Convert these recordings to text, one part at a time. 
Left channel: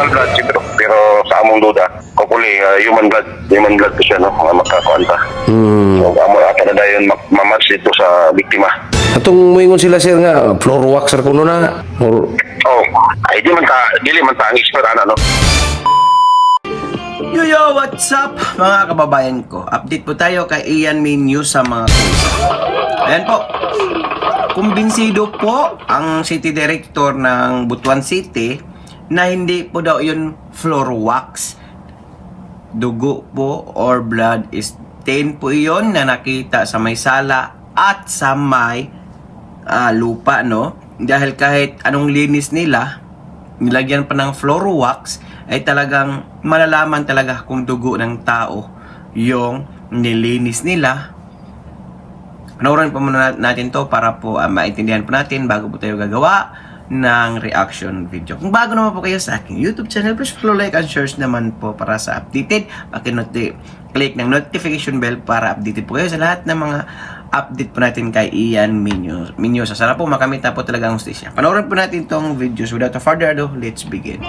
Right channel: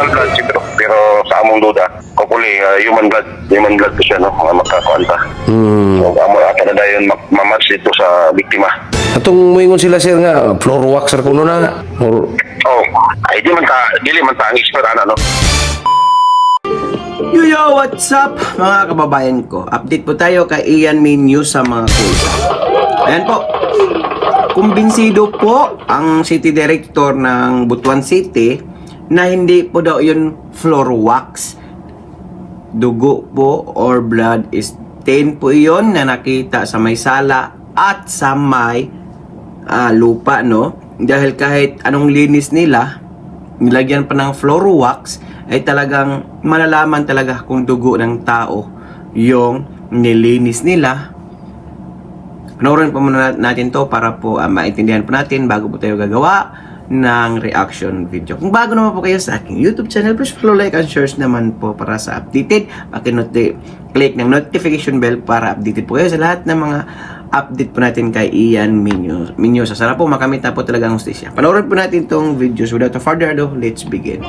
animal blood siguro. Pero sa among duda, hopefully human blood po siya, no? Magkakuanta. So, amo ata na dayon mamatch dito sa biktima. Atong moingon sila sir nga floor waxer kuno na or Oh, ay dili man ta ang expert ano, no? Yo, what's up mga kababayan ko? Update po tayo kay Ian News sa mga kusa. Ayan po. Kumbinsido po ang city director ng Butuan City na hindi po daw yun floor wax. Dugo po or blood stain po yun na nakita sa may sala at sa may lupa, no? Dahil kahit anong linis nila, nilagyan pa ng floor wax, ay talagang malalaman talaga kung dugo ng tao yung nilinis nila. Panoorin po muna natin to para po maintindihan po natin bago po tayo gagawa ng reaction video. Kung bago naman po kayo sa aking YouTube channel, please follow, like, and share naman po para sa updated. Click ng notification bell para updated po kayo sa lahat ng mga update po natin kay Ian Minyosa. Sana po makamit na po talaga ang hustisya. Panoorin po natin tong videos. Without further ado, let's begin.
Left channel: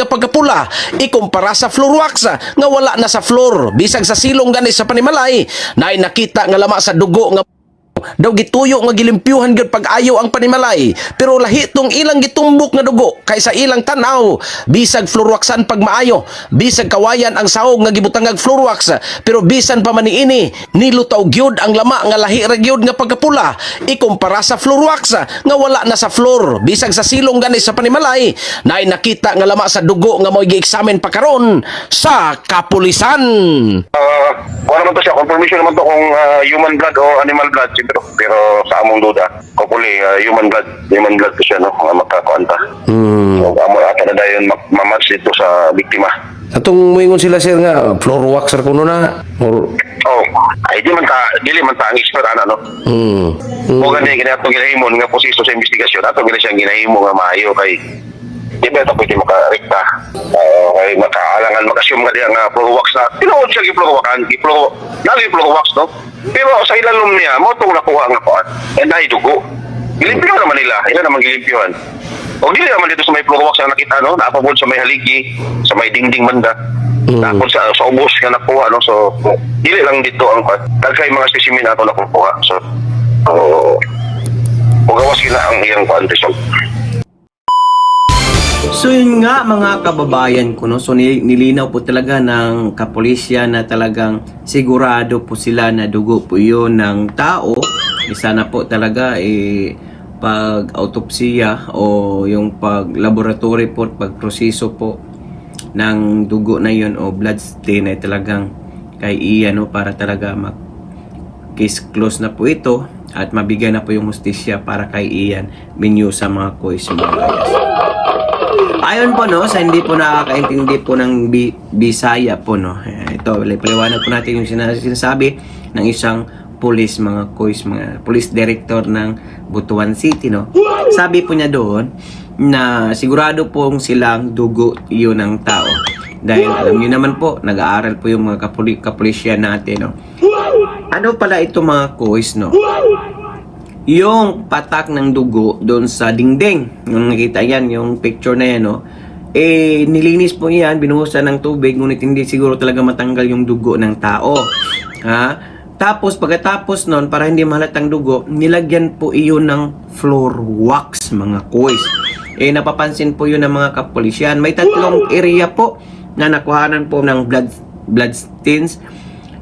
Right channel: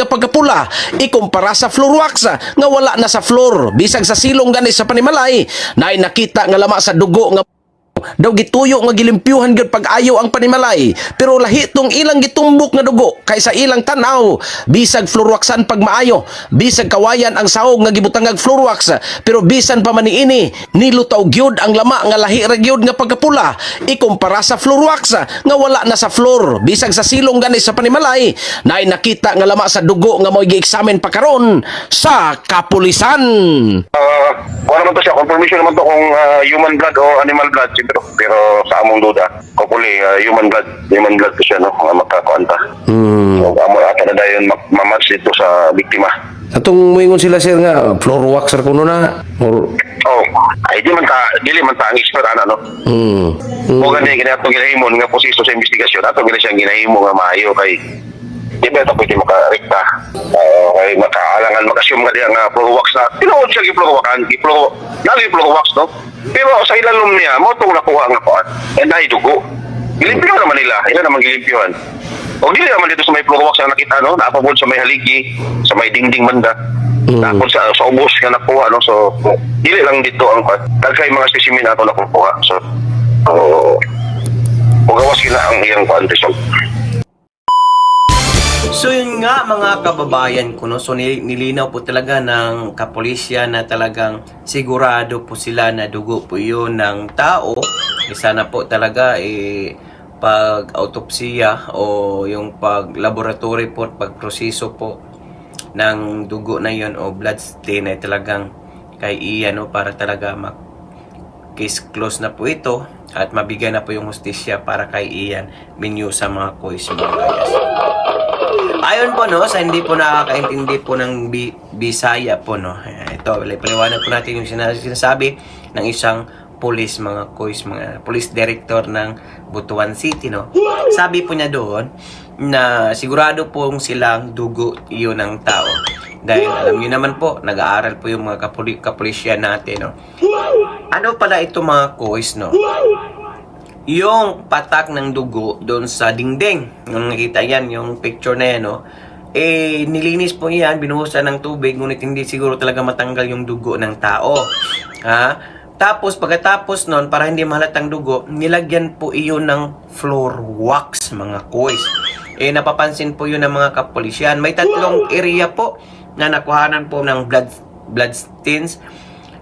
nga pagkapula ikumpara sa floor wax nga wala na sa floor bisag sa silong gani sa panimalay na nakita nga lama sa dugo nga daw gituyo nga gilimpyuhan gyud pag-ayo ang panimalay pero lahi tong ilang gitumbok nga dugo kaysa ilang tanaw bisag floor waxan pag maayo bisag kawayan ang sahog nga gibutangag floor wax pero bisan pa man niini nilutaw gyud ang lama nga lahi ra gyud nga pagkapula ikumpara sa floor wax nga wala na sa floor bisag sa silong gani sa panimalay na nakita nga lama sa dugo nga mo'y gi-examine pa karon sa kapulisan. Wala naman to siya, confirmation naman to kung human blood o animal blood siguro. Pero sa among duda, hopefully human blood po siya, no? Magkakuanta. So, amo ata na dayon mamatch dito sa biktima. Atong moingon sila sir nga floor waxer kuno na or Oh, ay dili man ta ang expert no? O gani atong ginahimon nga proseso sa investigasyon, atong gani siyang ginahimo nga maayo kay di ba ito pwede makarekta kay makaalangan makasum nga diya nga floor wax na tinuod siya gi-floor wax no? Pero sa ilalom niya mo itong nakuha nga po and ay dugo gilimpyo naman nila, ila naman gilimpyohan o dili naman dito sa may floor wax na nakita no? Naapabod sa may haligi sa may dingding banda tapos sa ubos nga nakuha no? So dili lang dito ang dagkay mga specimen ato nakuha so gawas kina ang iyang result. So yun nga mga kababayan ko, no? So nilinaw po talaga ng kapulisya na talagang sigurado po sila na dugo po yun ng tao. Sana po talaga pag autopsiya o yung pag laboratory po, pag proseso po ng dugo na yun o blood stain ay talagang kay Ian, no? Para talaga case close na po ito at mabigyan na po yung hustisya para kay Ian Minyosa sa mga kois mga gayas. Ayon po no, sa hindi po nakakaintindi po ng Bisaya po no. Ito, paliwanag po natin yung sinasabi ng isang police mga kois, mga police director ng Butuan City no. Sabi po niya doon na sigurado pong silang dugo yun ng tao. Dahil alam niyo naman po, nag-aaral po yung mga kapulisya natin no. Ano pala ito mga kois no? Yung patak ng dugo doon sa dingding, nung nakita yan, yung picture na yan, no? Nilinis po yan, binuhusan ng tubig, ngunit hindi siguro talaga matanggal yung dugo ng tao. Ha? Tapos, pagkatapos nun, para hindi mahalatang dugo, nilagyan po iyon ng floor wax, mga kois. Napapansin po yun ng mga kapulisyan. May tatlong area po na nakuhanan po ng blood stains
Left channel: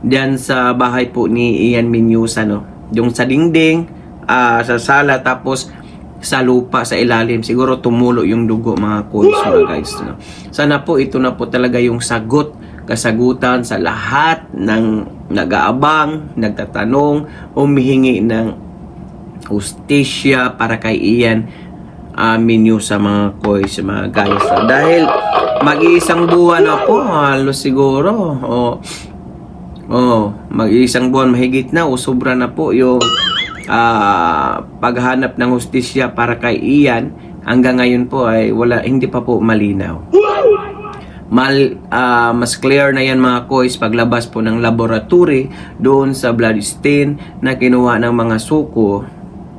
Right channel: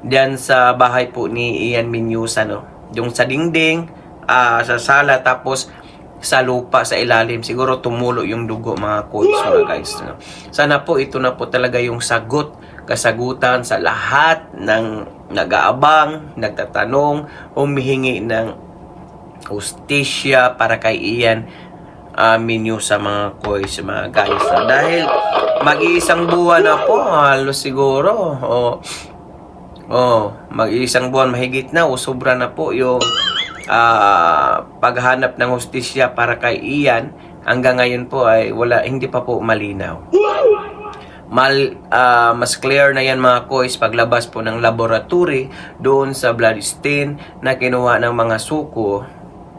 dyan sa bahay po ni Ian Minyosa, no? Yung sa dingding, sa sala, tapos sa lupa, sa ilalim. Siguro tumulo yung dugo mga coach mga guys. No? Sana po ito na po talaga yung kasagutan sa lahat ng nag-aabang, nagtatanong, humihingi ng hustisya para kay Ian Minyosa sa mga coach mga guys. No? Dahil mag-iisang buwan na po, halos siguro. Mag-iisang buwan mahigit na o sobra na po yung paghanap ng hustisya para kay Ian. Hanggang ngayon po ay hindi pa po malinaw. Mas clear na yan mga kois paglabas po ng laboratory doon sa blood stain na kinuha ng mga suko.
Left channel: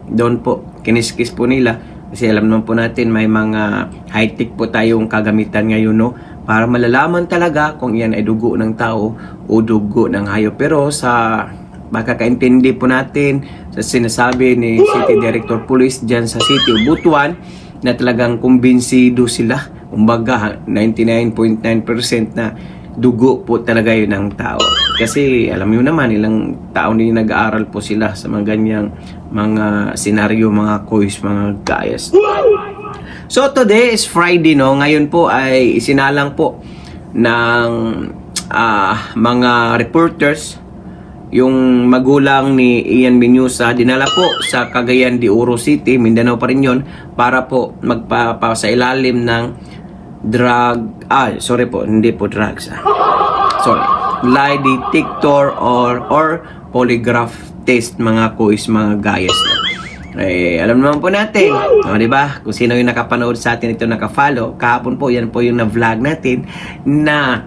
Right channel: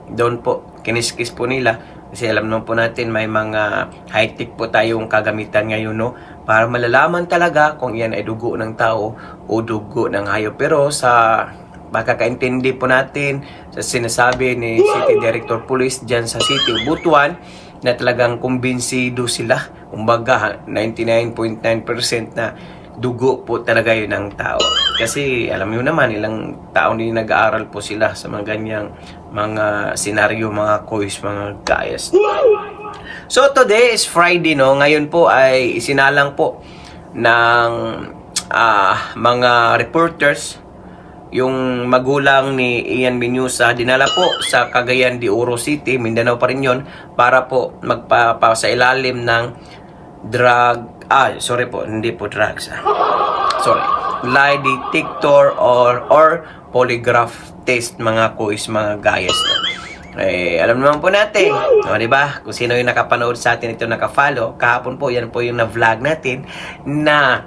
Doon po kiniskis po nila Kasi alam naman po natin may mga high-tech po tayong kagamitan ngayon, no? Para malalaman talaga kung yan ay dugo ng tao o dugo ng hayop. Pero sa makakaintindi po natin sa sinasabi ni City Director Police dyan sa City of Butuan na talagang kumbinsido sila. Kumbaga 99.9% na dugo po talaga yun ng tao. Kasi alam nyo naman, ilang taon din nag-aaral po sila sa mga ganyang mga senaryo, mga quiz, mga guys. So today is Friday, no? Ngayon po ay isinalang po ng mga reporters yung magulang ni Ian Menyusa, dinala po sa Cagayan de Oro City, Mindanao pa rin yun, para po magpapasa ilalim ng lie detector or polygraph test, mga quiz, mga guys. Alam naman po natin, di ba? Kung sino yung nakapanood sa atin ito, nakafollow, kahapon po, yan po yung na-vlog natin na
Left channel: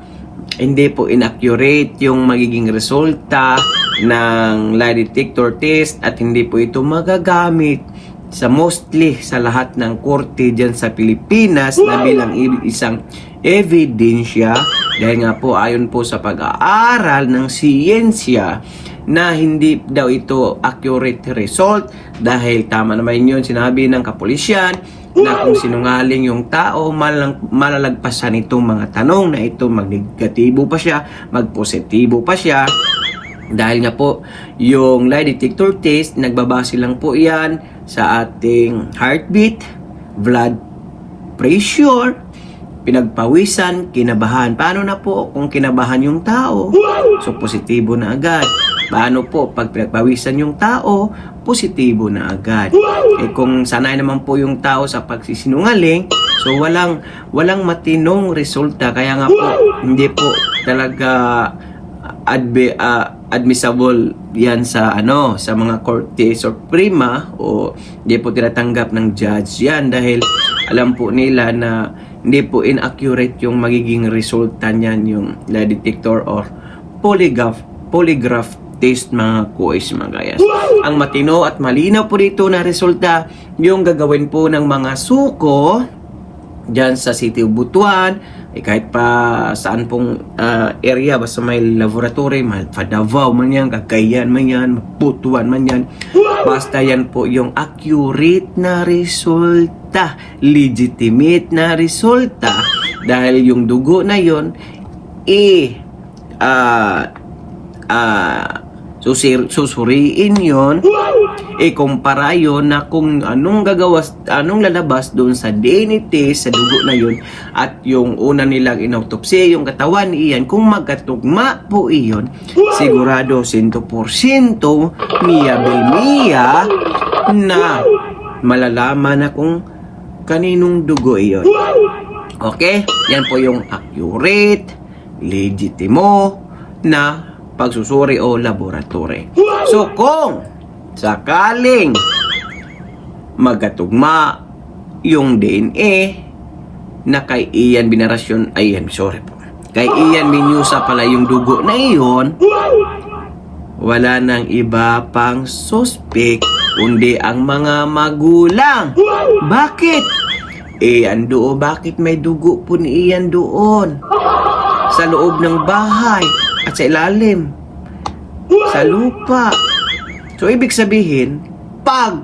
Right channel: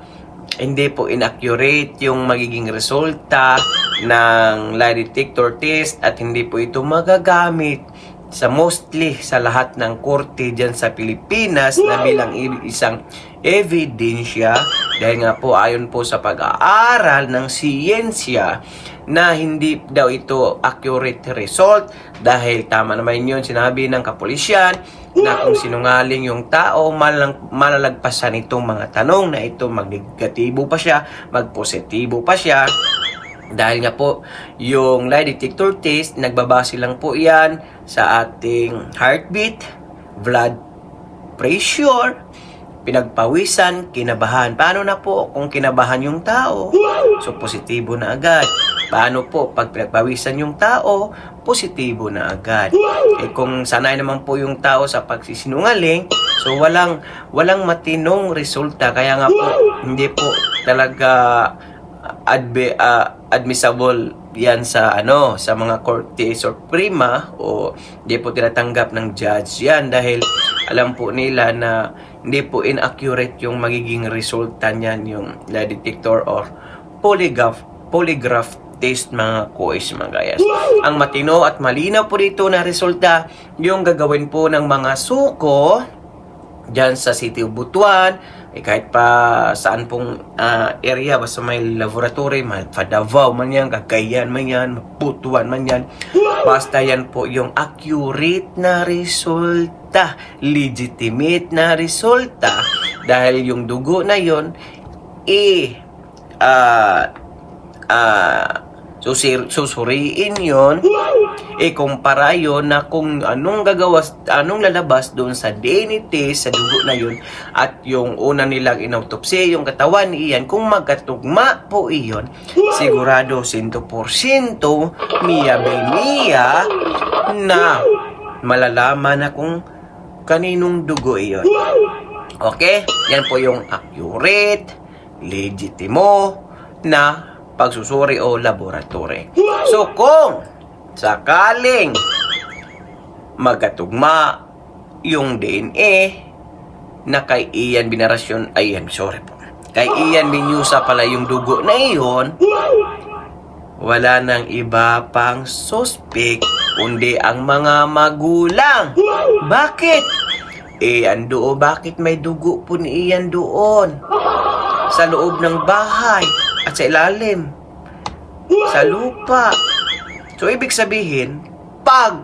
hindi po inaccurate yung magiging resulta ng lie detector test at hindi po ito magagamit sa mostly sa lahat ng korte dyan sa Pilipinas na bilang isang ebidensya dahil nga po ayon po sa pag-aaral ng siyensya na hindi daw ito accurate result dahil tama naman yun sinabi ng kapulisyan na kung sinungaling yung tao malalagpasan itong mga tanong na ito, mag-negatibo pa siya, mag-positibo pa siya dahil nga po yung lie detector test nagbabase lang po yan sa ating heartbeat, blood pressure, pinagpawisan, kinabahan. Paano na po kung kinabahan yung tao? So, positibo na agad. Paano po pag pinagpawisan yung tao? Positibo na agad. Kung sanay naman po yung tao sa pagsisinungaling, so walang matinong resulta. Kaya nga po, hindi po talaga admissible yan sa sa mga Korte Suprema o hindi po tinatanggap ng judge yan dahil alam po nila na hindi po inaccurate yung magiging resulta niyan yung lie detector or polygraph test, mga quiz, mga guys. Ang matino at malinaw po dito na resulta yung gagawin po ng mga suko dyan sa City of Butuan, kahit pa saan pong area, basta may laboratory, Davao man yan, Cagayan man yan, Butuan man yan, basta yan po yung accurate na resulta, legitimate na resulta, dahil yung dugo na yon susuriin yon, ikumpara yon na kung anong lalabas doon sa DNA test, sa dugo na yon, at yung una nilang inautopsy, yung katawan ni Ian, kung magkatugma po iyon, sigurado 100% miya bilmiya na malalaman na kung kaninong dugo iyon. Okay? Yan po yung accurate, legitimo na pagsusuri o laboratory. So kung sakaling magkatugma yung DNA na kay Ian Binarasyon, kay Ian Menyusa pala yung dugo na iyon, wala nang iba pang suspect kundi ang mga magulang. Bakit? Bakit may dugo po ni Ian doon? Sa loob ng bahay at sa ilalim, sa lupa. So, ibig sabihin,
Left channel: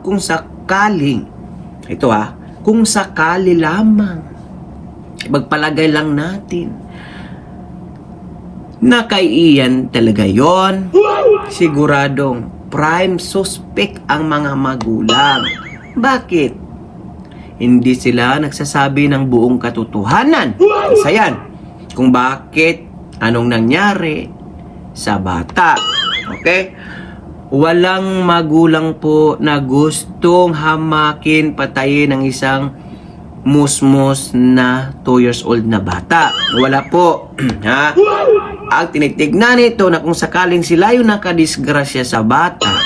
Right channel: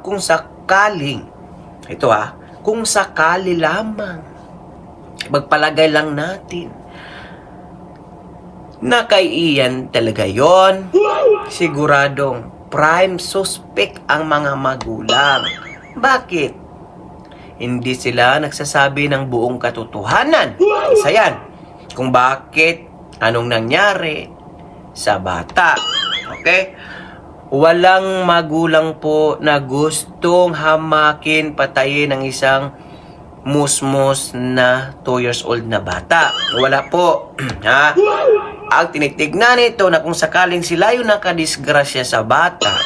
kung sakaling, kung sakali lamang, magpalagay lang natin, na kay Ian talaga yon, siguradong prime suspect ang mga magulang. Bakit? Hindi sila nagsasabi ng buong katotohanan. Isa yan. Kung bakit, anong nangyari sa bata. Okay? Walang magulang po na gustong hamakin, patayin ng isang musmus na 2 years old na bata. Wala po. Ha? Ang tinitignan nito na kung sakaling sila yung nakadisgrasya sa bata,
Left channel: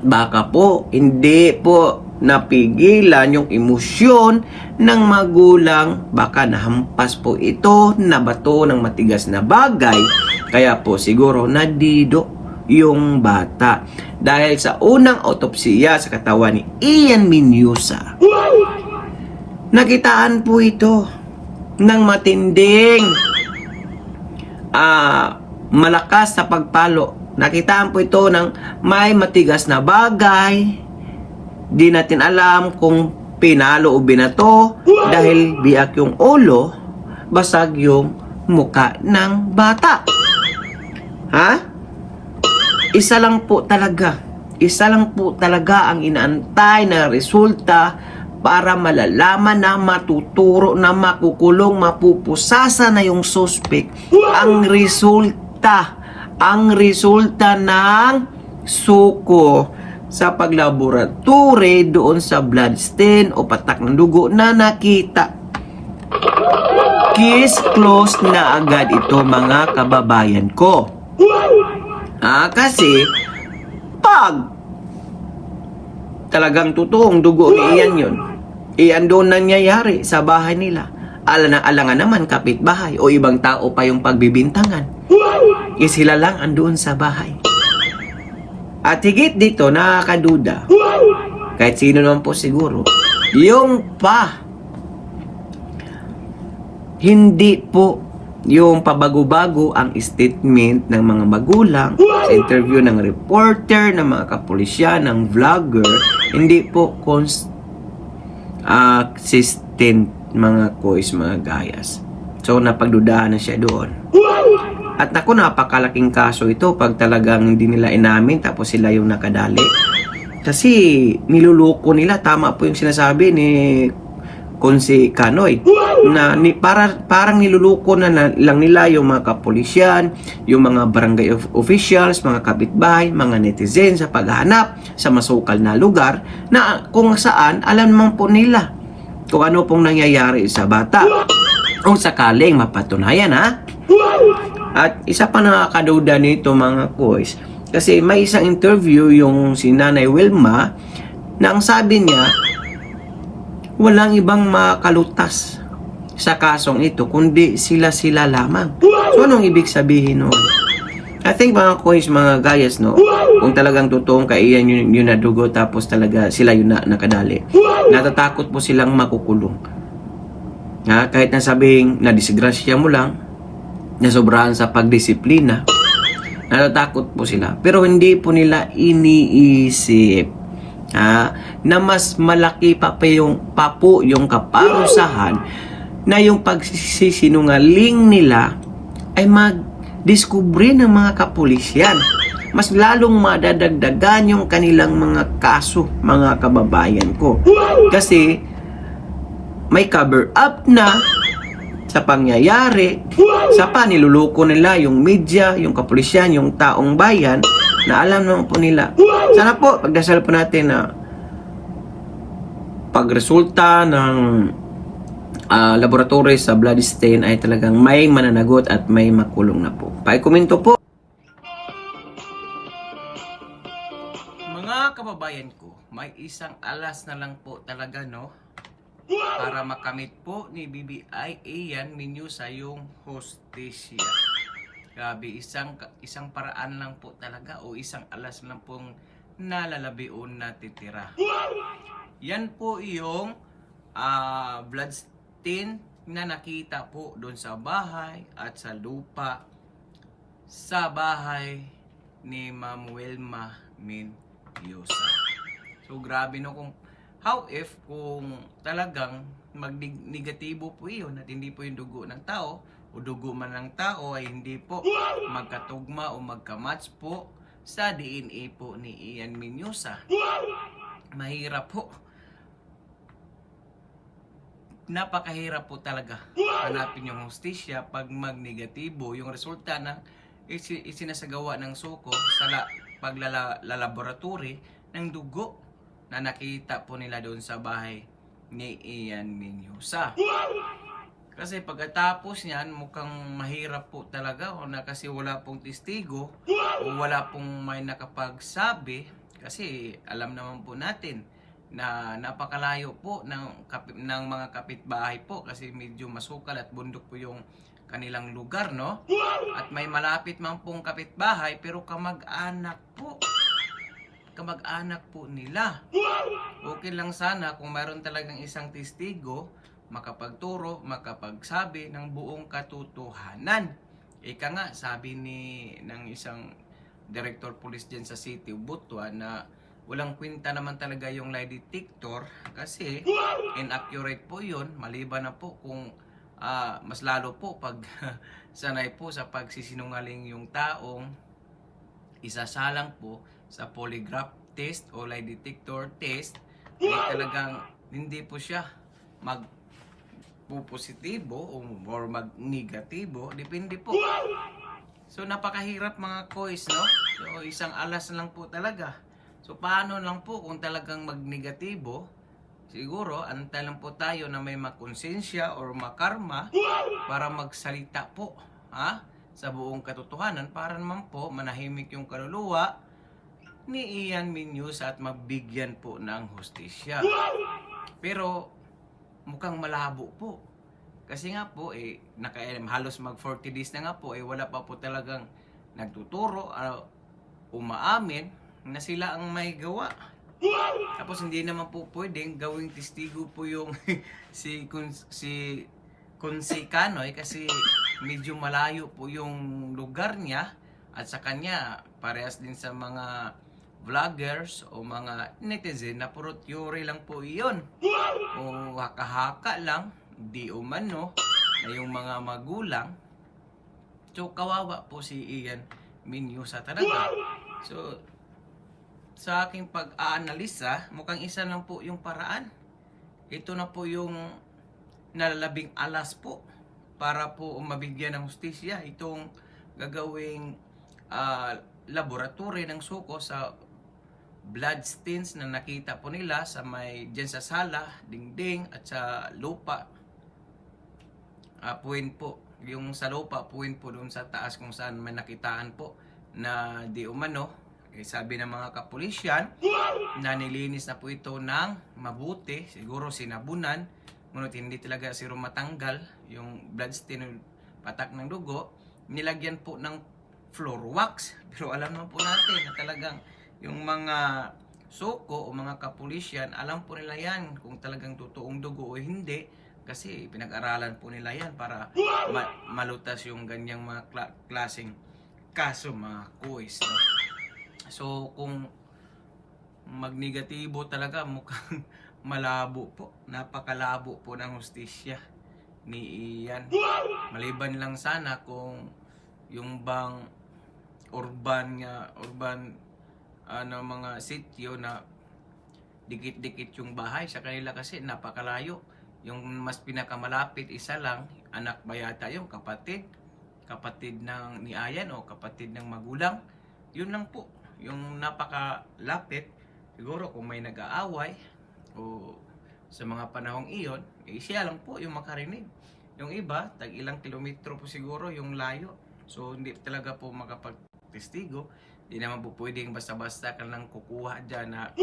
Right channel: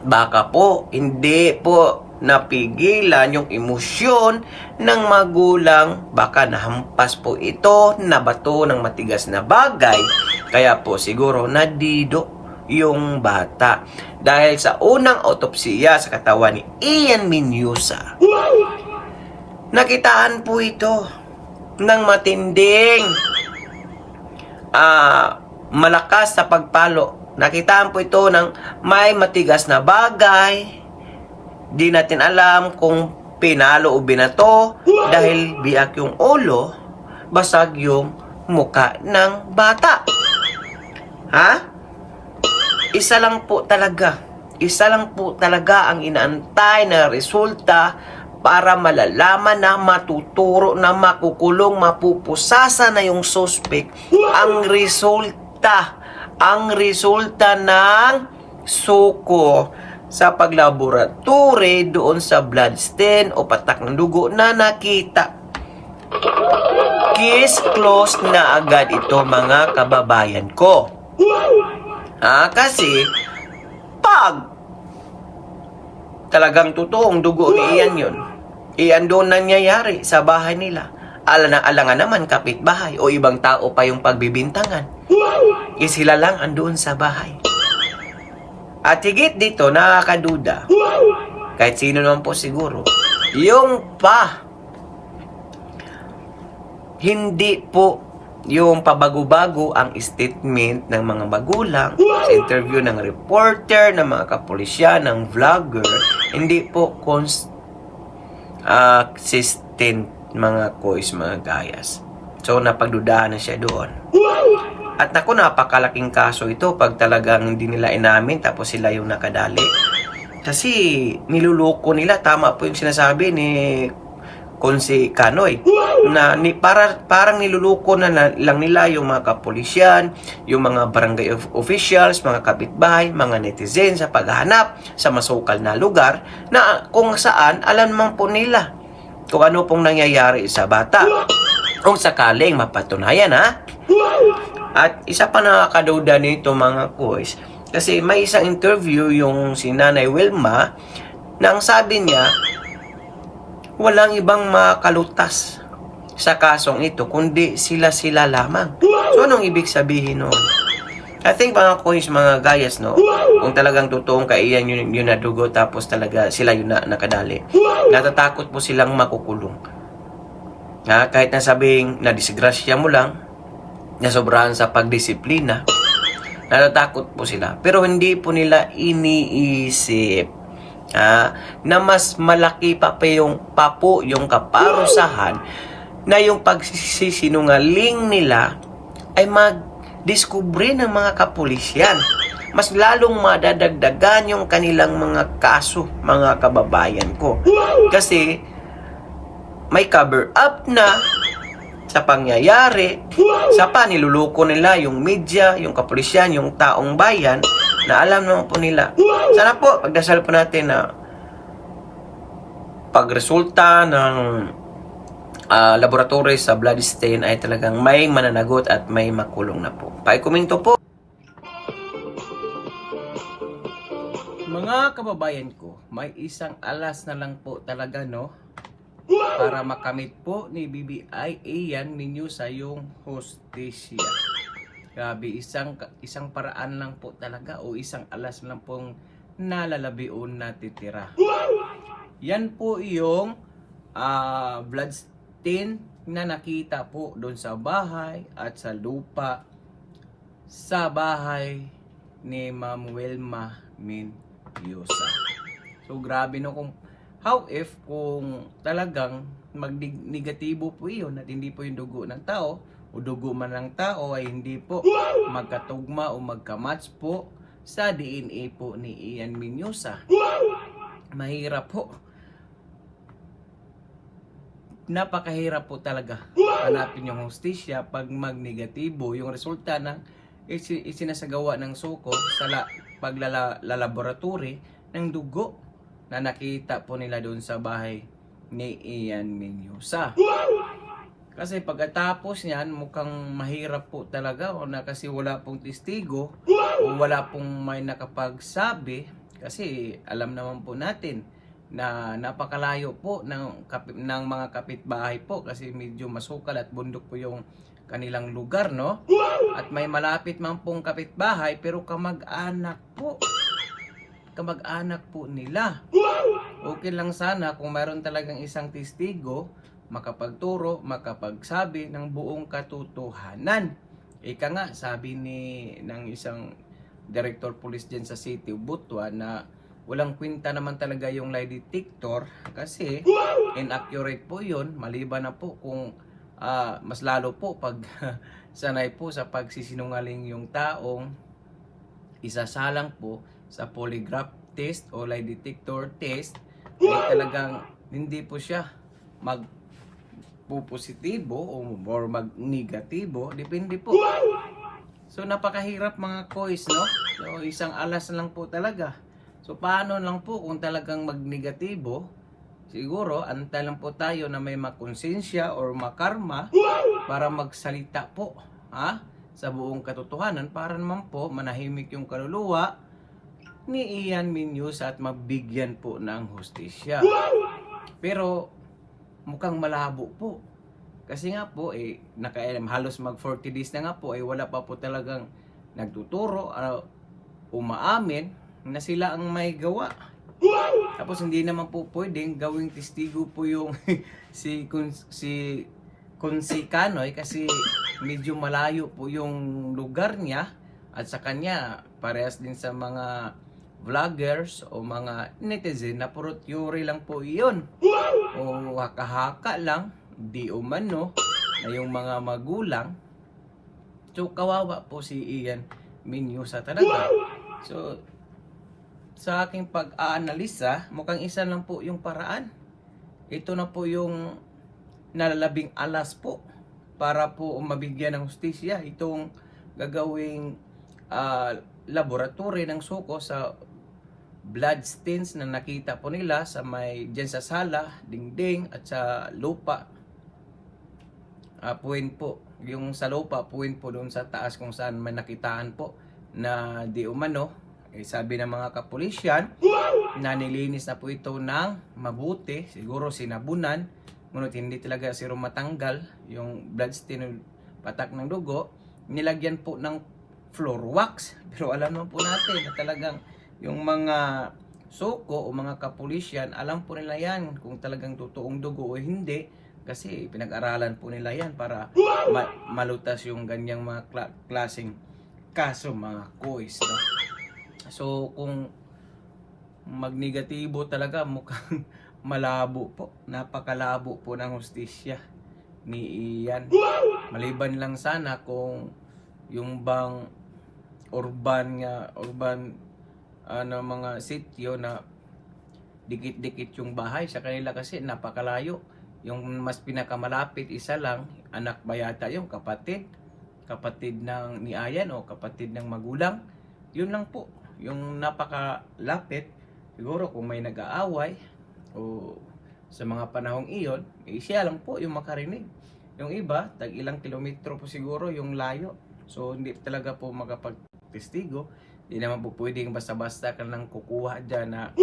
baka po hindi po napigilan yung emosyon ng magulang, baka nahampas po ito, nabato ng matigas na bagay, kaya po siguro nadido yung bata. Dahil sa unang autopsiya sa katawan ni Ian Menyusa, Nakitaan po ito ng matinding malakas sa pagpalo. Nakitaan po ito ng may matigas na bagay. Di natin alam kung pinalo o binato dahil biyak yung ulo, basag yung muka ng bata. Ha? Isa lang po talaga ang inaantay na resulta para malalaman na matuturo na makukulong, mapupusasa na yung suspect. Ang resulta ng suko sa paglaboratory doon sa blood stain o patak ng dugo na nakita. Case closed na agad ito, mga kababayan ko. Kasi pag talagang totoong dugo ni Ian yun, Ian doon nangyayari sa bahay nila. Alangan naman kapitbahay o ibang tao pa yung pagbibintangan. Sila lang andoon sa bahay. At higit dito, nakakaduda, kahit sino naman po siguro, yung hindi po yung pabago-bago ang statement ng mga magulang sa interview ng reporter, ng mga kapulisyan, ng vlogger, hindi po consistent, mga kois, mga gayas. So, napagdudahan na siya doon. At naku, napakalaking kaso ito pag talagang hindi nila inamin tapos sila yung nakadali. Kasi niluloko nila, tama po yung sinasabi ni Konsi Kanoy, na parang niluluko na lang nila yung mga kapulisyan, yung mga barangay officials, mga kapitbahay, mga netizen sa paghahanap sa masukal na lugar na kung saan alam naman po nila kung ano pong nangyayari sa bata. Kung sakaling mapatunayan, At isa pa nakakaduda nito, mga boys, kasi may isang interview yung si Nanay Wilma na ang sabi niya, walang ibang makalutas sa kasong ito kundi sila lamang. So anong ibig sabihin nun? I think, mga boys, mga gayas, no, kung talagang totoong kaiyan yun na dugo tapos talaga sila yun na nakadali, natatakot po silang makukulong. Kahit na sabihing na disgrasya mo lang, nasobrahan sa pagdisiplina, natatakot po sila. Pero hindi po nila iniisip na mas malaki pa po yung kaparusahan na yung pagsisinungaling nila ay magdiskubre ng mga kapulisyan. Mas lalong madadagdagan yung kanilang mga kaso, mga kababayan ko. Kasi may cover up na sa pangyayari, sa paniluloko nila yung media, yung kapulisyan, yung taong bayan na alam naman po nila. Sana po, pagdasal po natin na pagresulta ng laboratory sa blood stain ay talagang may mananagot at may makulong na po. Pakikomento po. Mga kababayan ko, may isang alas na lang po talaga, no? Para makamit po ni BBI Ian Menyosa yung hustisya. Grabe, isang paraan lang po talaga o isang alas lang pong nalalabion na titira. Yan po yung blood stain na nakita po doon sa bahay at sa lupa sa bahay ni Ma'am Wilma Menyosa. So grabe, no, how if kung talagang negatibo po iyon at hindi po yung dugo ng tao o dugo man ng tao ay hindi po magkatugma o magkamatch po sa DNA po ni Ian Menyosa. Mahirap po. Napakahirap po talaga hanapin yung hustisya pag magnegatibo yung resulta ng isinasagawa ng suko sa paglalaboratory ng dugo na nakita po nila doon sa bahay ni Ian Menyosa. Kasi pagkatapos niyan, mukhang mahirap po talaga o na kasi wala pong testigo o wala pong may nakapagsabi, kasi alam naman po natin na napakalayo po ng mga kapitbahay po kasi medyo masukal at bundok po yung kanilang lugar, no? At may malapit man pong kapitbahay pero kamag-anak po nila. Okay lang sana kung mayroon talagang isang testigo makapagturo, makapagsabi ng buong katotohanan. Ika nga, sabi ng isang director police dyan sa City of Butuan na walang kwenta naman talaga yung lie detector kasi inaccurate po yun, maliban na po kung mas lalo po pag sanay po sa pagsisinungaling yung taong isasalang po sa polygraph test o lie detector test, ay talagang hindi po siya magpo-positibo or mag-negatibo, depende po. So napakahirap mga kois, no? So isang alas lang po talaga. So paano lang po kung talagang mag-negatibo? Siguro antay lang po tayo na may makonsensya or makarma para magsalita po, ha? Sa buong katotohanan para naman po manahimik yung kaluluwa ni Ian Minyus at mabigyan po ng hustisya. Pero mukhang malabo po. Kasi nga po halos mag 40 days na nga po wala pa po talagang nagtuturo umaamin na sila ang may gawa. Tapos hindi naman po pwedeng gawing testigo po yung si Kunsi Kanoy kasi medyo malayo po yung lugar niya at sa kanya parehas din sa mga vloggers o mga netizen na puro theory lang po iyon o haka-haka lang, di umano na yung mga magulang. So kawawa po si Ian Minyus talaga. So sa aking pag-aanalisa, mukhang isa lang po yung paraan. Ito na po yung nalalabing alas po para po mabigyan ng hustisya itong gagawing laboratory ng suko sa blood stains na nakita po nila sa dyan sa sala, dingding at sa lupa. Puwin po, yung sa lupa, puwin po doon sa taas kung saan may nakitaan po na di umano. Sabi ng mga kapulisyan na nilinis na po ito ng mabuti, siguro sinabunan, ngunit hindi talaga siro matanggal yung bloodstain, patak ng dugo, nilagyan po ng floor wax. Pero alam naman po natin na talagang yung mga suko o mga kapulisyan, alam po nila yan kung talagang totoong dugo o hindi, kasi pinag-aralan po nila yan para malutas yung ganyang mga klaseng kaso mga kois, no? So kung magnegatibo talaga, mukhang malabo po, napakalabo po ng hustisya ni Ian. Maliban lang sana kung yung bang urban mga sityo na dikit-dikit yung bahay sa kanila kasi napakalayo. Yung mas pinakamalapit isa lang, anak ba yata yung kapatid ng ni Ian o kapatid ng magulang. Yun lang po yung napakalapit. Siguro kung may nag-aaway o sa mga panahong iyon, siya lang po yung makarinig. Yung iba, tag ilang kilometro po siguro yung layo. So hindi talaga po makapagtestigo. Hindi naman po pwedeng basta-basta ka lang kukuha dyan na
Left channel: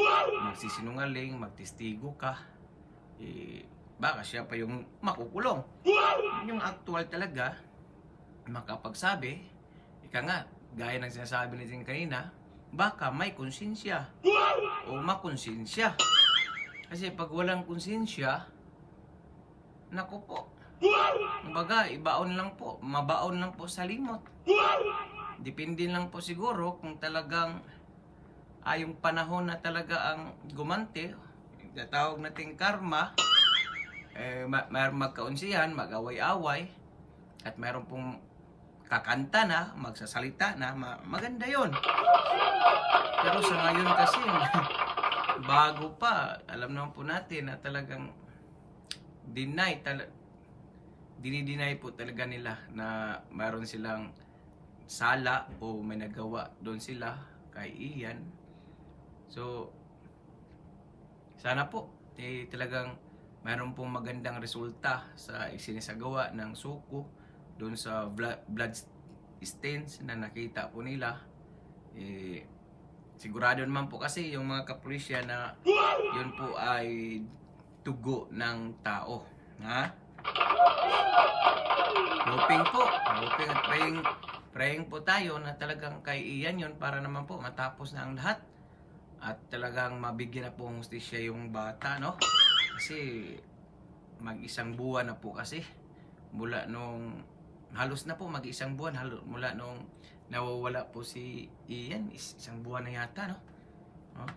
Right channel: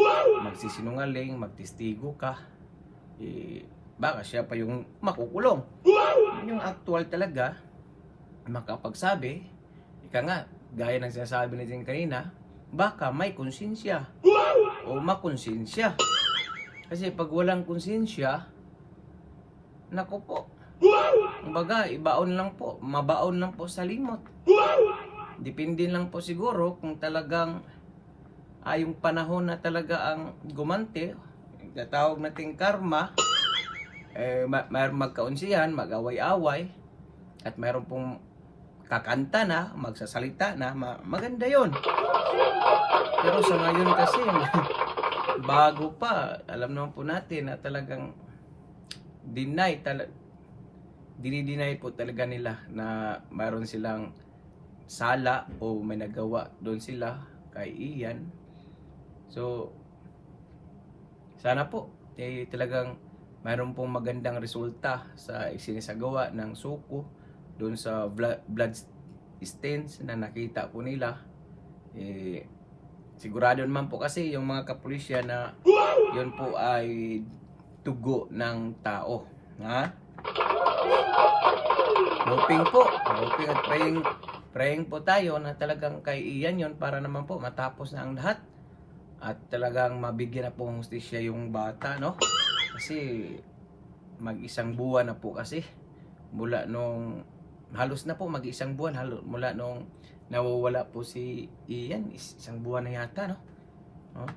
magsisinungaling, magtestigo ka. Baka siya pa yung makukulong. Yung actual talaga, makapagsabi, ika nga, gaya ng sinasabi natin kanina, baka may konsensya o makonsensya. Kasi pag walang konsensya, naku po, kumbaga ibaon lang po, mabaon lang po sa limot. Depende lang po siguro kung talagang yung panahon na talaga ang gumante, tatawag nating karma, magkaunsihan, mag-away-away, at mayroon pong kakanta na, magsasalita na, maganda yon. Pero sa ngayon kasi, bago pa, alam naman po natin na talagang dinideny po talaga nila na mayroon silang sala o may nagawa doon sila kay Ian. So, sana po, talagang mayroon pong magandang resulta sa isinisagawa ng suko doon sa blood stains na nakita po nila. Sigurado naman po kasi yung mga kapulisya na yun po ay tugo ng tao. Ha? Hoping at praying po tayo na talagang kay Ian yun para naman po matapos na ang lahat at talagang mabigyan na po ng hustisya yung bata, no? Kasi mag-isang buwan na po kasi mula nung halos na po mag-isang buwan mula nung nawawala po si Ian, isang buwan na yata, no? Oh.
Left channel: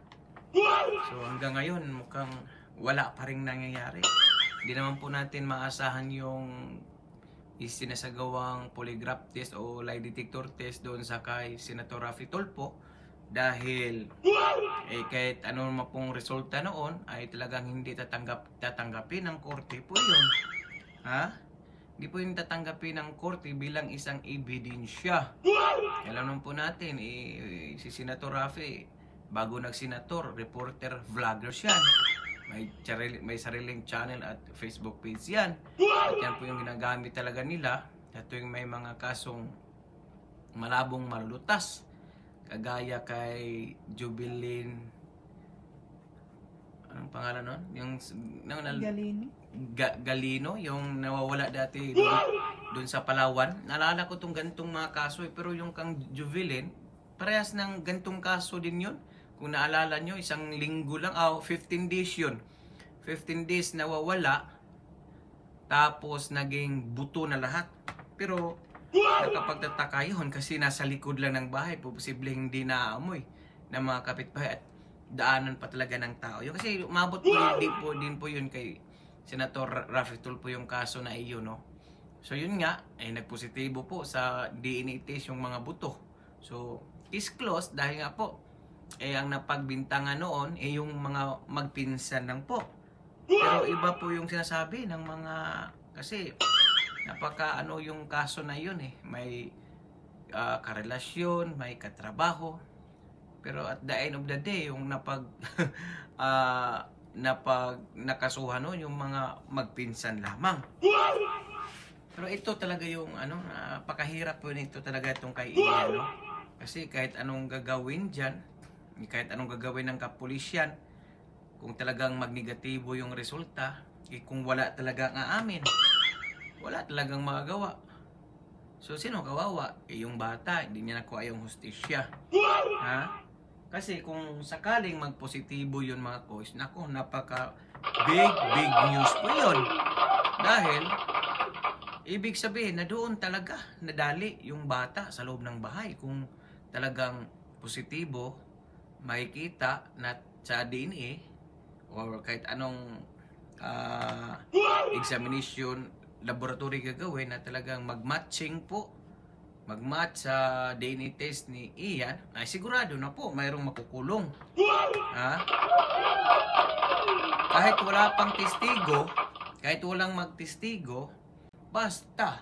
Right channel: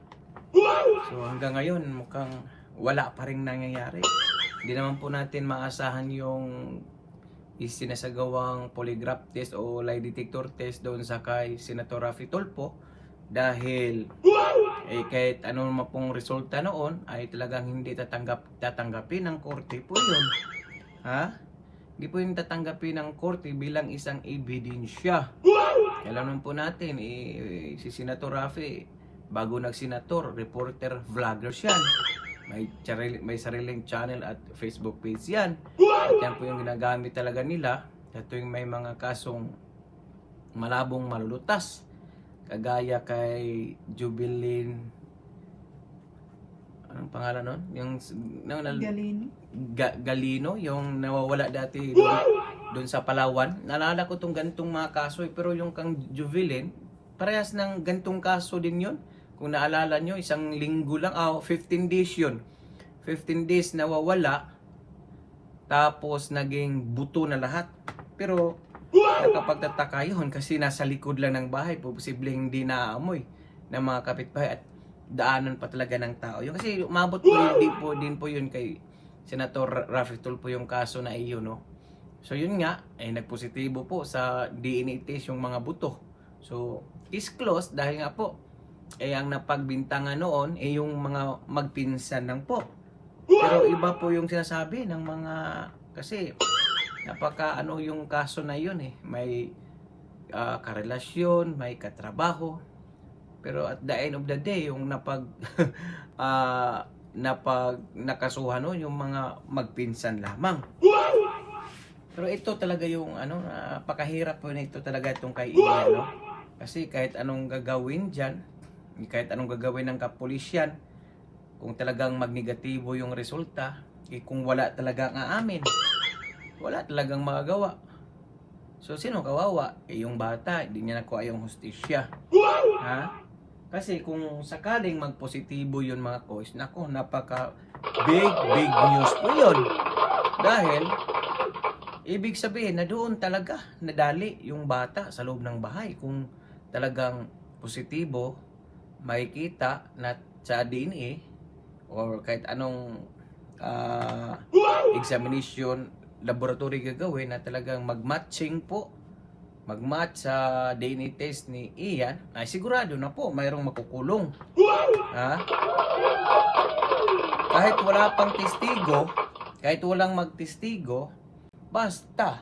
So hanggang ngayon mukhang wala pa rin nangyayari. Hindi naman po natin maasahan yung isinasagawang polygraph test o lie detector test doon sa kay Senator Raffy Tulfo dahil kahit ano naman pong resulta noon ay talagang hindi tatanggapin ng korte po yun. Ha? Hindi po yung tatanggapin ng korte bilang isang ebidensya. Alam naman po natin, si Senator Raffy, bago nag-senator, reporter, vlogger yan. May sariling channel at Facebook page yan. At yan po yung ginagamit talaga nila. At yung may mga kasong malabong malulutas. Kagaya kay Jubilin, anong pangalan nun? Yung Galino, yung nawawala dati doon sa Palawan. Naalala ko tong gantong mga kaso, pero yung kang Jubilin, parehas ng gantong kaso din yun. Kung naalala nyo, isang linggo lang, 15 days yun. 15 days nawawala, tapos naging buto na lahat. Pero nakapagtataka yun kasi nasa likod lang ng bahay, posible hindi naaamoy ng mga kapitbahay at daanan pa talaga ng tao. Yung kasi umabot po din po yun kay Senator Raffy Tulfo yung kaso na iyon, no? So yun nga, nagpositibo po sa DNA test yung mga buto. So case closed dahil nga po ang napagbintangan noon yung mga magpinsan lang po. Pero iba po yung sinasabi ng mga, kasi napaka yung kaso na yun may karelasyon, may katrabaho. Pero at the end of the day, yung nakasuhan yung mga magpinsan lamang. Pero ito talaga yung napakahirap po nito talaga itong kay Ian, no? Kasi kahit anong gagawin diyan, kahit anong gagawin ng kapulisyan, kung talagang magnegatibo yung resulta, kung wala talagang aamin, wala talagang magagawa. So sino kawawa? Yung bata, hindi niya nakuha yung hustisya. Ha? Kasi kung sakaling magpositibo yun mga kois, nako, napaka big news po yun. Dahil ibig sabihin na doon talaga nadali yung bata sa loob ng bahay. Kung talagang positibo, makikita na sa DNA or kahit anong examination laboratory gagawin na talagang magmatching po, magmatch sa DNA test ni Ian, ay sigurado na po mayroong makukulong. Ha? Kahit wala pang testigo, kahit walang magtestigo, basta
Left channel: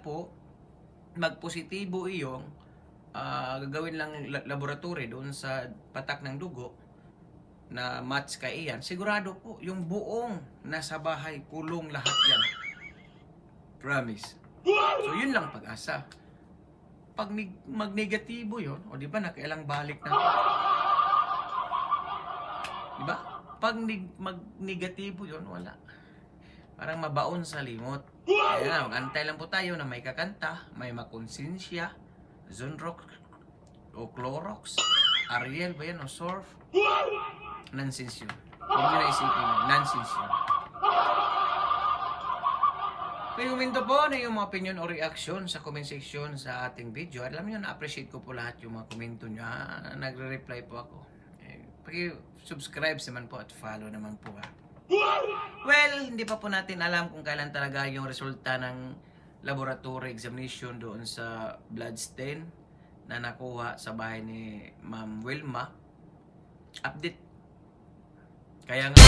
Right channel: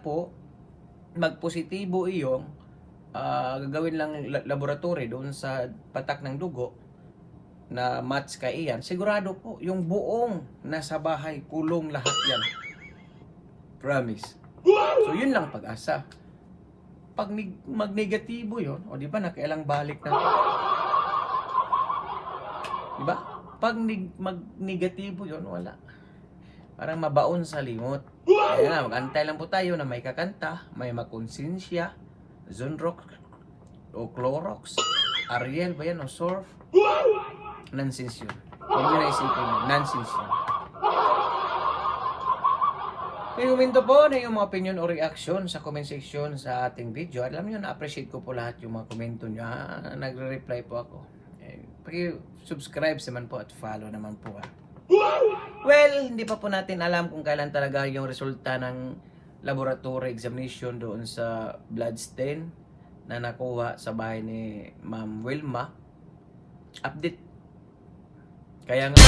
po magpositibo iyong gagawin lang laboratory doon sa patak ng dugo na match kay Ian, sigurado po yung buong nasa bahay kulong lahat yan. Promise. So yun lang pag-asa. Pag magnegatibo yun, o di ba nakailang balik na, di ba? Pag magnegatibo yun, wala. Parang mabaon sa limot. Kaya nga, mag-antay lang po tayo na may kakanta, may makonsensya, Zonrox o Clorox, Ariel ba yan o Surf? Nonsense yun. Huwag nyo na isipin na, nonsense yun. Kaya huminto po na yung mga opinion o reaction sa comment section sa ating video. Alam nyo, na-appreciate ko po lahat yung mga komento nyo. Nagre-reply po ako. Paki-subscribe naman po at follow naman po. Well, hindi pa po natin alam kung kailan talaga yung resulta ng laboratory examination doon sa blood stain na nakuha sa bahay ni Ma'am Wilma. Update. Kaya nga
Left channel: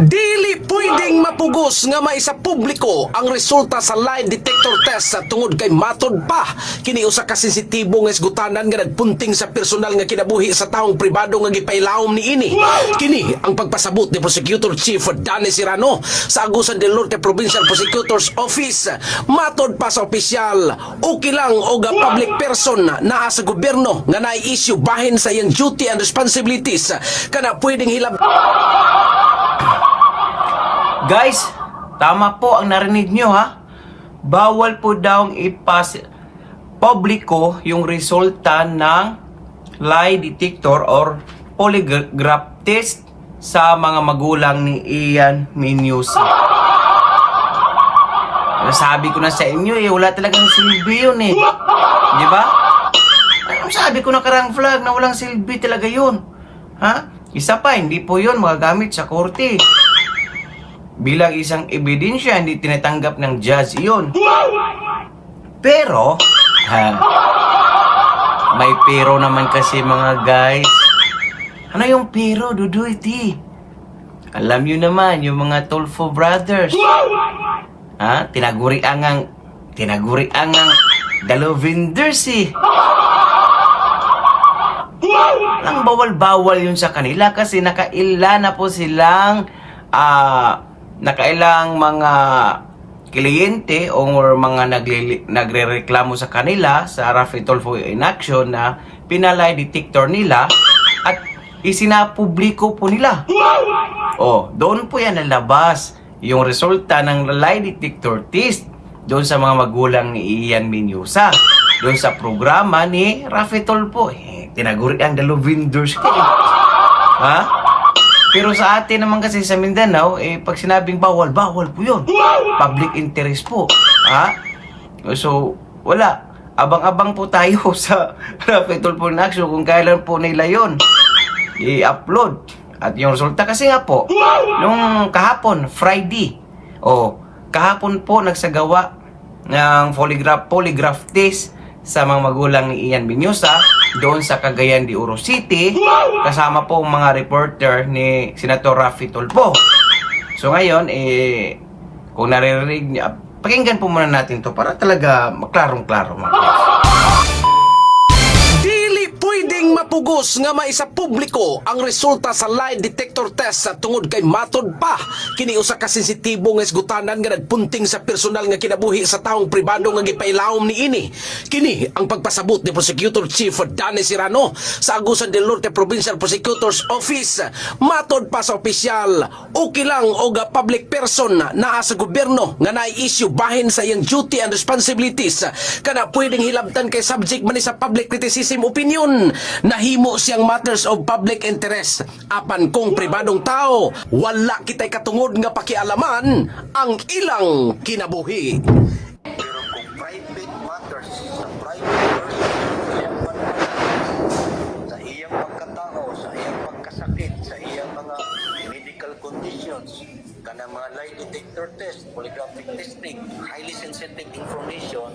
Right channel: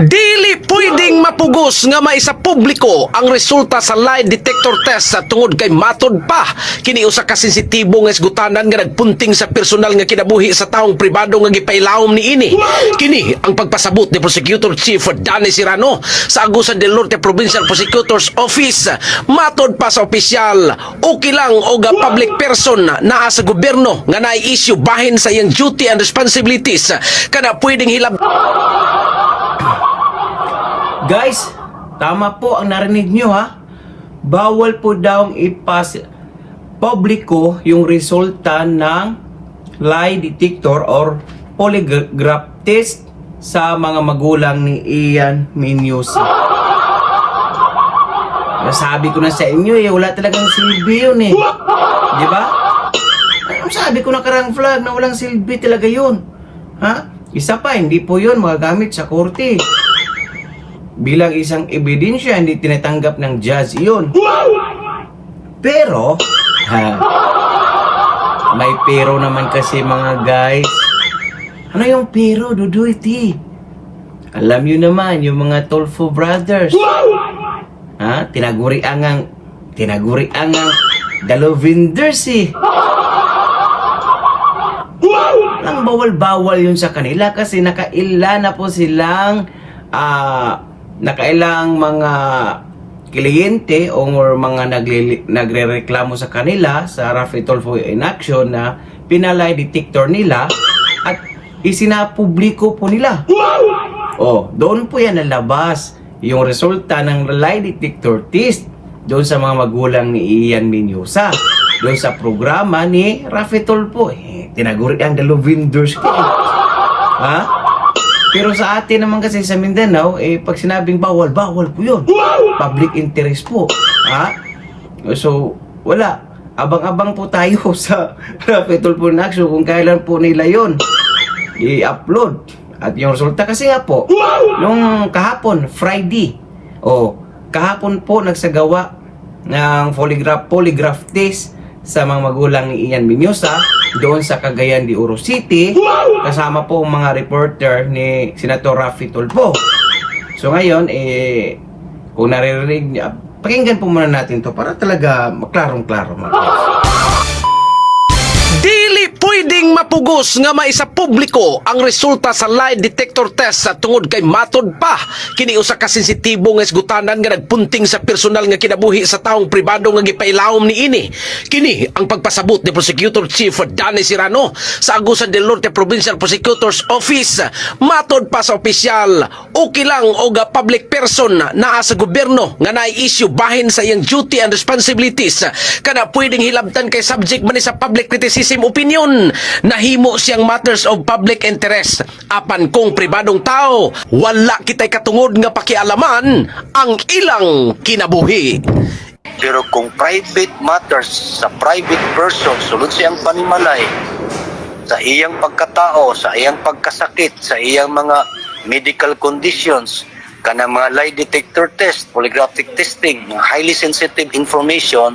Dili pwedeng mapugos nga maisa publiko ang resulta sa lie detector test sa tungod kay matod pa kini usa ka sensitibo nga isgutanan nga nagpunting sa personal nga kinabuhi sa taong pribado nga gipailawom niini. Kini ang pagpasabot ni Prosecutor Chief Danny Serrano sa Agusan del Norte Provincial Prosecutor's Office. Matod pa sa opisyal, okay lang og public person naa sa gobyerno nga naay-issue bahin sa iyang duty and responsibilities kana pwedeng hilab. Guys, tama po ang narinig nyo ha. Bawal po daw publiko yung resulta ng lie detector or polygraph test sa mga magulang ni Ian Menyosa. Sabi ko na sa inyo wala talagang silbi yun di ba? Sabi ko na karang flag na walang silbi talaga yun. Ha? Isa pa, hindi po yun magagamit sa korte. Bilang isang ebidensya, hindi tinatanggap ng judge yun. Pero, may pero naman kasi mga guys. Ano yung pero, Duduiti? Alam nyo naman, yung mga Tolfo brothers. Tinagurian ang Dalovinders Ang bawal-bawal yun sa kanila kasi nakailan na po silang nakailang mga kliyente o mga nagrereklamo sa kanila sa Rafi Tulfo in action na pinalay detector nila at isinapubliko po nila. Doon po yan nalabas yung resulta ng lie detector test doon sa mga magulang ni Ian Menyosa doon sa programa ni Rafi Tulfo. Tinaguri ang Dalovinders ko Pero sa atin naman kasi sa Mindanao, pag sinabing bawal po yun. Public interest po. So, wala. Abang-abang po tayo sa Rafi Tulfo in action kung kailan po nila yun i-upload. At yung resulta kasi nga po, nung kahapon, Friday, kahapon po nagsagawa ng polygraph test sa mga magulang ni Ian Menyosa doon sa Cagayan de Oro City kasama po ang mga reporter ni Senator Rafi Tulfo. So ngayon, kung naririnig niya, pakinggan po muna natin to para talaga maklarong-klaro mga guys. Dili pwedeng mapugos nga maisa publiko ang resulta sa lie detector test sa tungod kay matod pa kini usa ka sensitibo nga isgutanan nga nagpunting sa personal nga kinabuhi sa taong pribado nga gipailawom niini. Kini ang pagpasabot ni Prosecutor Chief Danny Serrano sa Agusan del Norte Provincial Prosecutor's Office. Matod pa sa opisyal, okay lang og public person naa sa gobyerno nga na-issue bahin sa iyang duty and responsibilities kana pwedeng hilabtan kay subject man ni sa public criticism opinion. Nahimo siyang matters of public interest. Apan kung pribadong tao, wala kitay katungod nga pakialaman ang ilang kinabuhi. Pero kung private matters sa private person, sulod siyang panimalay sa iyang pagkatao, sa iyang pagkasakit, sa iyang mga medical conditions, kanang mga lie detector test, polygraphic testing, highly sensitive information,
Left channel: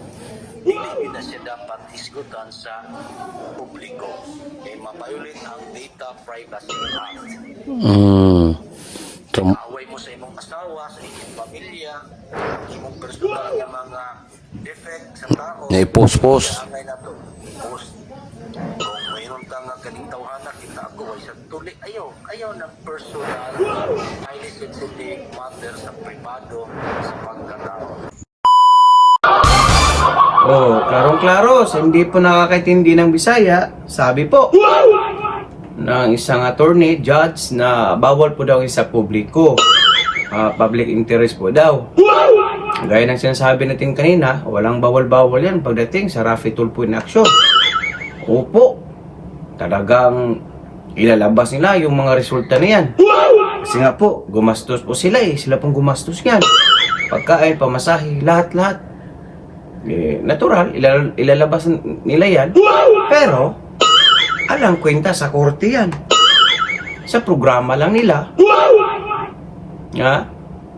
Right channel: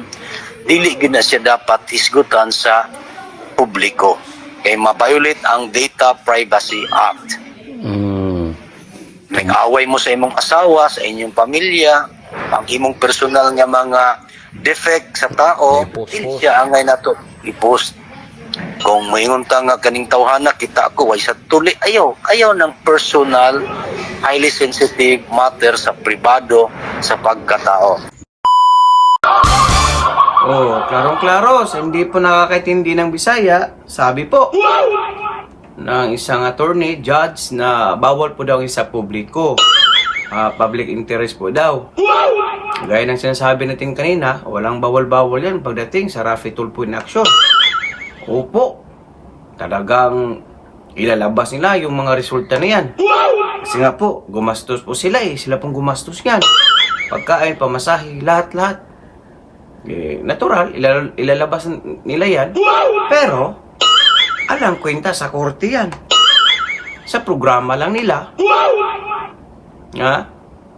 dili gid na siya dapat isgutan sa publiko kay ma-violate ang Data Privacy Act. Nag-away mo sa imong asawa, sa inyong pamilya, ang imong personal nga mga defect sa tao, I-post. siya angay nato i-post. Kung moingon ta nga kaning tawhana kita ako way sa tuli, ayaw ng personal, highly sensitive matter sa pribado sa pagkatao. Klarong-klaro, sa hindi po nakakaintindi ng Bisaya, sabi po ng isang attorney, judge, na bawal po daw isa publiko. Public interest po daw. Gaya ng sinasabi natin kanina, walang bawal-bawal yan pagdating sa Rafi Tulfo in action. Opo, talagang ilalabas nila yung mga resulta na yan. Kasi nga po, gumastos po sila sila pong gumastos yan. Pagkain, pamasahe, lahat-lahat. Natural, ilalabas nila yan. Pero, alam kwenta sa korte yan. Sa programa lang nila.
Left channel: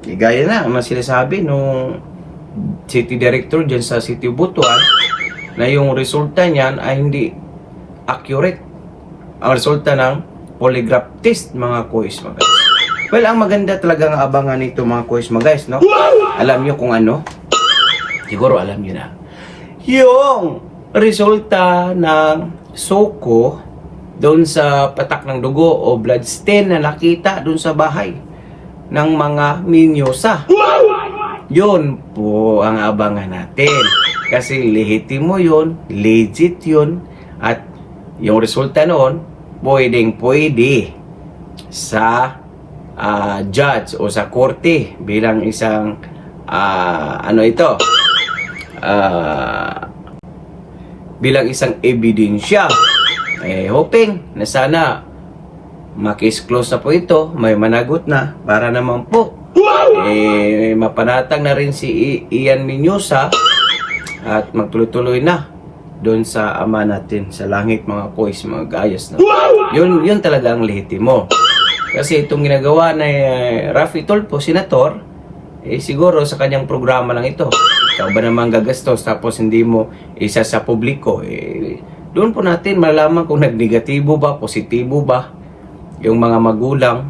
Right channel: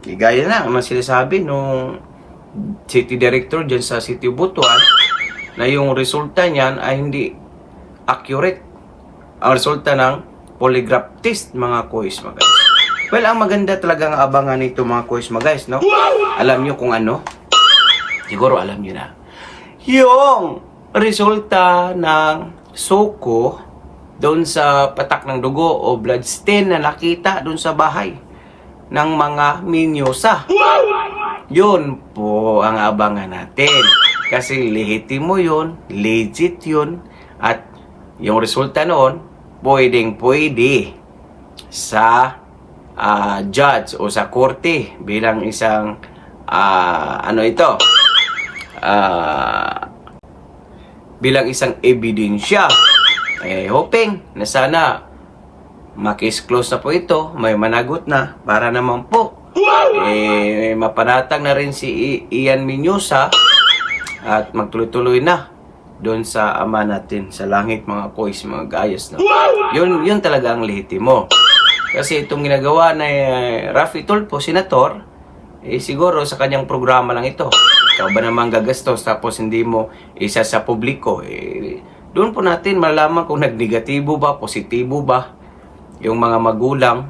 Gaya na, ang sinasabi nung city director dyan sa City of Butuan na yung resulta niyan ay hindi accurate. Ang resulta ng polygraph test, mga kuis mga guys. Well, ang maganda talaga ng abangan nito mga kuis mga guys, no? Alam nyo kung ano? Siguro alam nyo na. Yung resulta ng SOCO doon sa patak ng dugo o blood stain na nakita doon sa bahay ng mga Menyosa. Yun po ang abangan natin. Kasi lehitimo yun, legit yun, at yung resulta noon, pwede sa judge o sa korte bilang isang bilang isang ebidensya. Hoping na sana makis close na po ito, may managot na para naman po mapanatag na rin si Ian Mendoza at magtuloy-tuloy na doon sa ama natin sa langit, mga kois, mga gayas, no? Yun talaga ang lehitimo. Kasi itong ginagawa na Raffy Tulfo, senator, siguro sa kanyang programa lang ito. Ikaw ba naman gagastos tapos hindi mo isa sa publiko? Doon po natin malaman kung nagnegatibo ba, positibo ba yung mga magulang,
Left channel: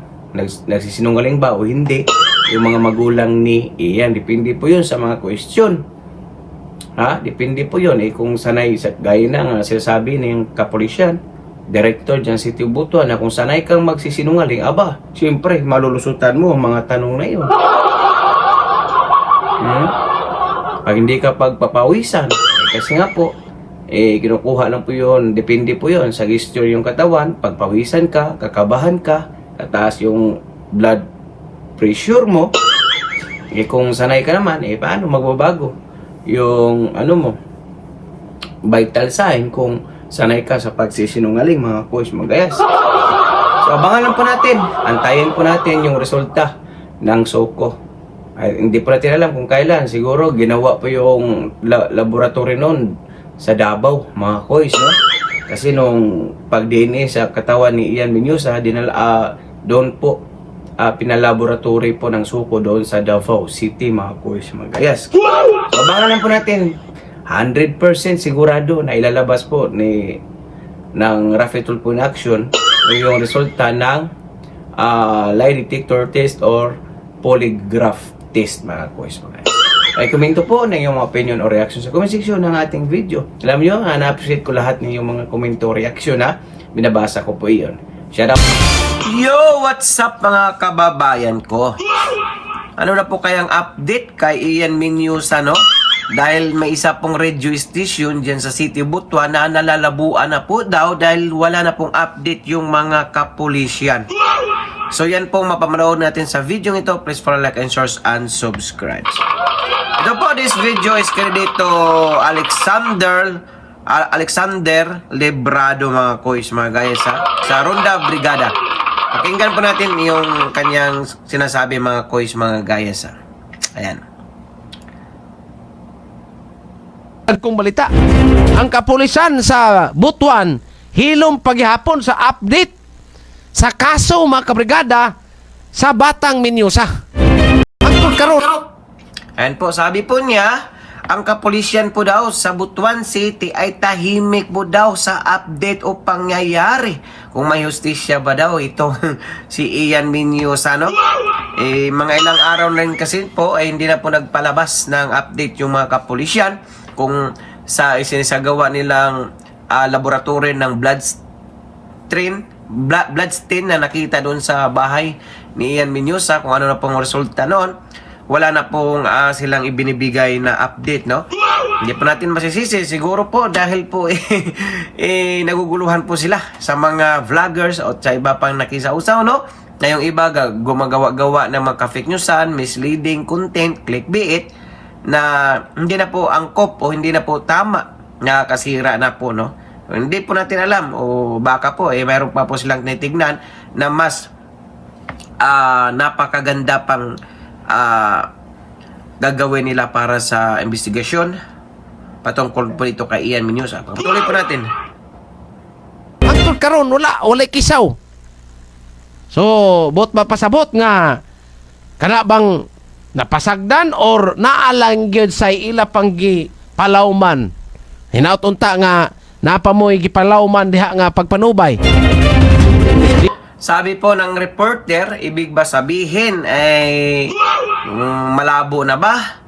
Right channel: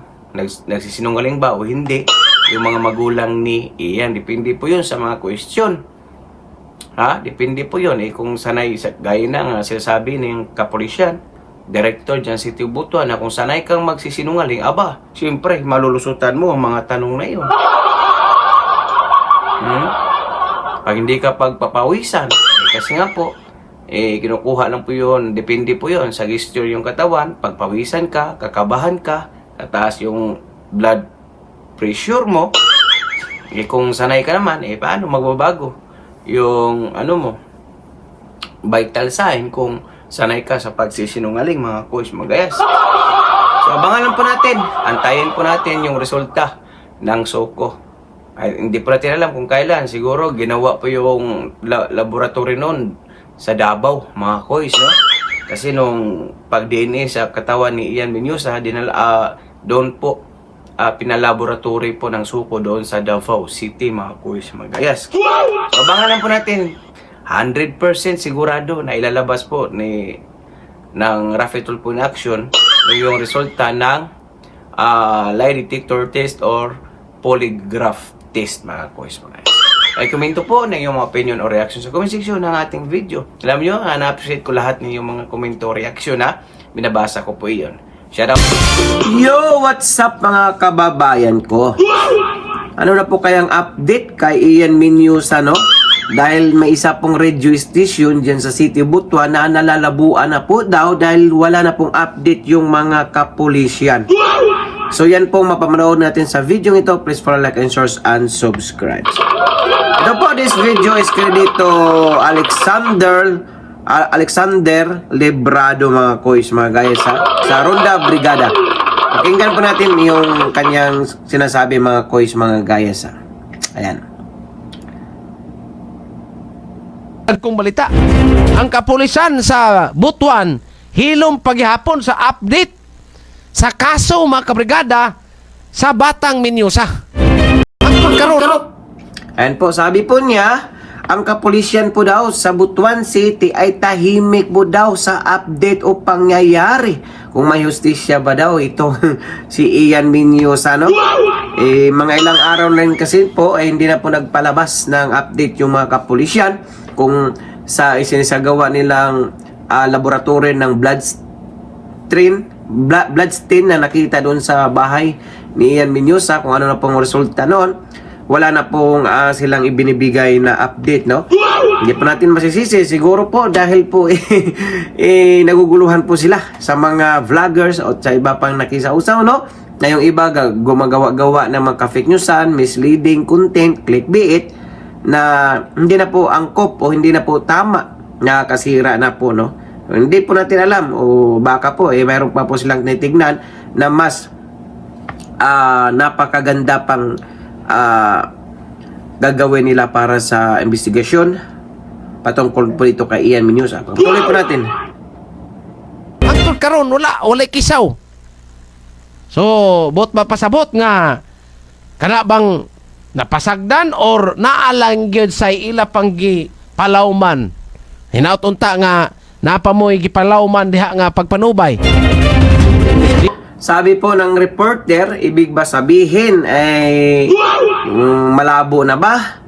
nagsisinungaling ba o hindi. Yung mga magulang ni Ian, depende po yun sa mga question. Depende po yun. Kung sanay, gaya na nga sinasabi ng kapulisyan, director dyan si Tio Butuan, na kung sanay kang magsisinungaling, aba, siyempre, malulusutan mo ang mga tanong na yun. Pag hindi ka pagpapawisan, kasi nga po, kinukuha lang po yun, depende po yun sa gesture yung katawan, pagpawisan ka, kakabahan ka, tataas yung blood pressure mo, kung sanay ka naman, paano magbabago yung mo, vital sign kung sanay ka sa pagsisinungaling, mga coach, magayas. So abangan lang po natin, antayin po natin yung resulta ng SOCO. Hindi po natin alam kung kailan, siguro ginawa po yung laboratory noon sa Davao, mga coach, no? Kasi nung pag-DNA sa katawan ni Ian Mendoza, doon po pinalaboratory po ng SOCO doon sa Davao City, mga coach, magayas. So, abangan lang po natin, 100% sigurado na ilalabas po ng Raffy Tulfo in action yung resulta ng lie detector test or polygraph test, mga coach, magayas. Ay, komento po na yung mga opinion o reaction sa comment section ng ating video. Alam nyo, na-appreciate ko lahat ng yung mga komento o reaction, binabasa ko po iyon. Shout out. Yo, what's up mga kababayan ko? Ano na po kayang update kay Ian Mendoza, no? Dahil may isa pong radio station dyan sa City Butuan na nalalabuan na po daw dahil wala na pong update yung mga kapulisyan. So yan po mapamanood natin sa video ito. Please follow, like, and share and subscribe. Ito po, this video is credito Alexander Lebrado, mga kois, mga guys, sa Ronda Brigada. Pakinggan po natin yung kanyang sinasabi, mga kois, mga guys. Ayan. Kung balita, ang kapulisan sa Butuan hilom paghihapon sa update sa kaso, mga kabrigada, sa Batang Mendoza. Ang karon. Ayan po, sabi po niya, ang kapulisyan po daw sa Butuan City ay tahimik po daw sa update o pangyayari. Kung may hustisya ba daw ito si Ian Mendoza, no? Mga ilang araw na rin kasi po ay hindi na po nagpalabas ng update yung mga kapulisyan kung sa isinisagawa nilang laboratory ng bloodstain na nakita doon sa bahay ni Ian Mendoza, kung ano na pong resulta noon. Wala na pong silang ibinibigay na update, no? Hindi pa natin masisisi, siguro po dahil po naguguluhan po sila sa mga vloggers o sa iba pang nakisausaw, no? Na yung iba gumagawa-gawa ng mga fake newsan, misleading content, clickbait na hindi na po angkop o hindi na po tama, na kasira na po, no? Hindi po natin alam o baka po mayroon pa po silang tinitignan na mas napakaganda pang gagawin nila para sa investigasyon patungkol po dito kay Ian Mendoza. Patuloy po natin. Ang karon wala kisaw. So, bot mapasabot nga kana bang napasagdan or naalang gyud sa ila panggi palawman. Hinaut unta nga napamoy gipalawman diha nga pagpanubay. Sabi po ng reporter, ibig ba sabihin ay malabo na ba?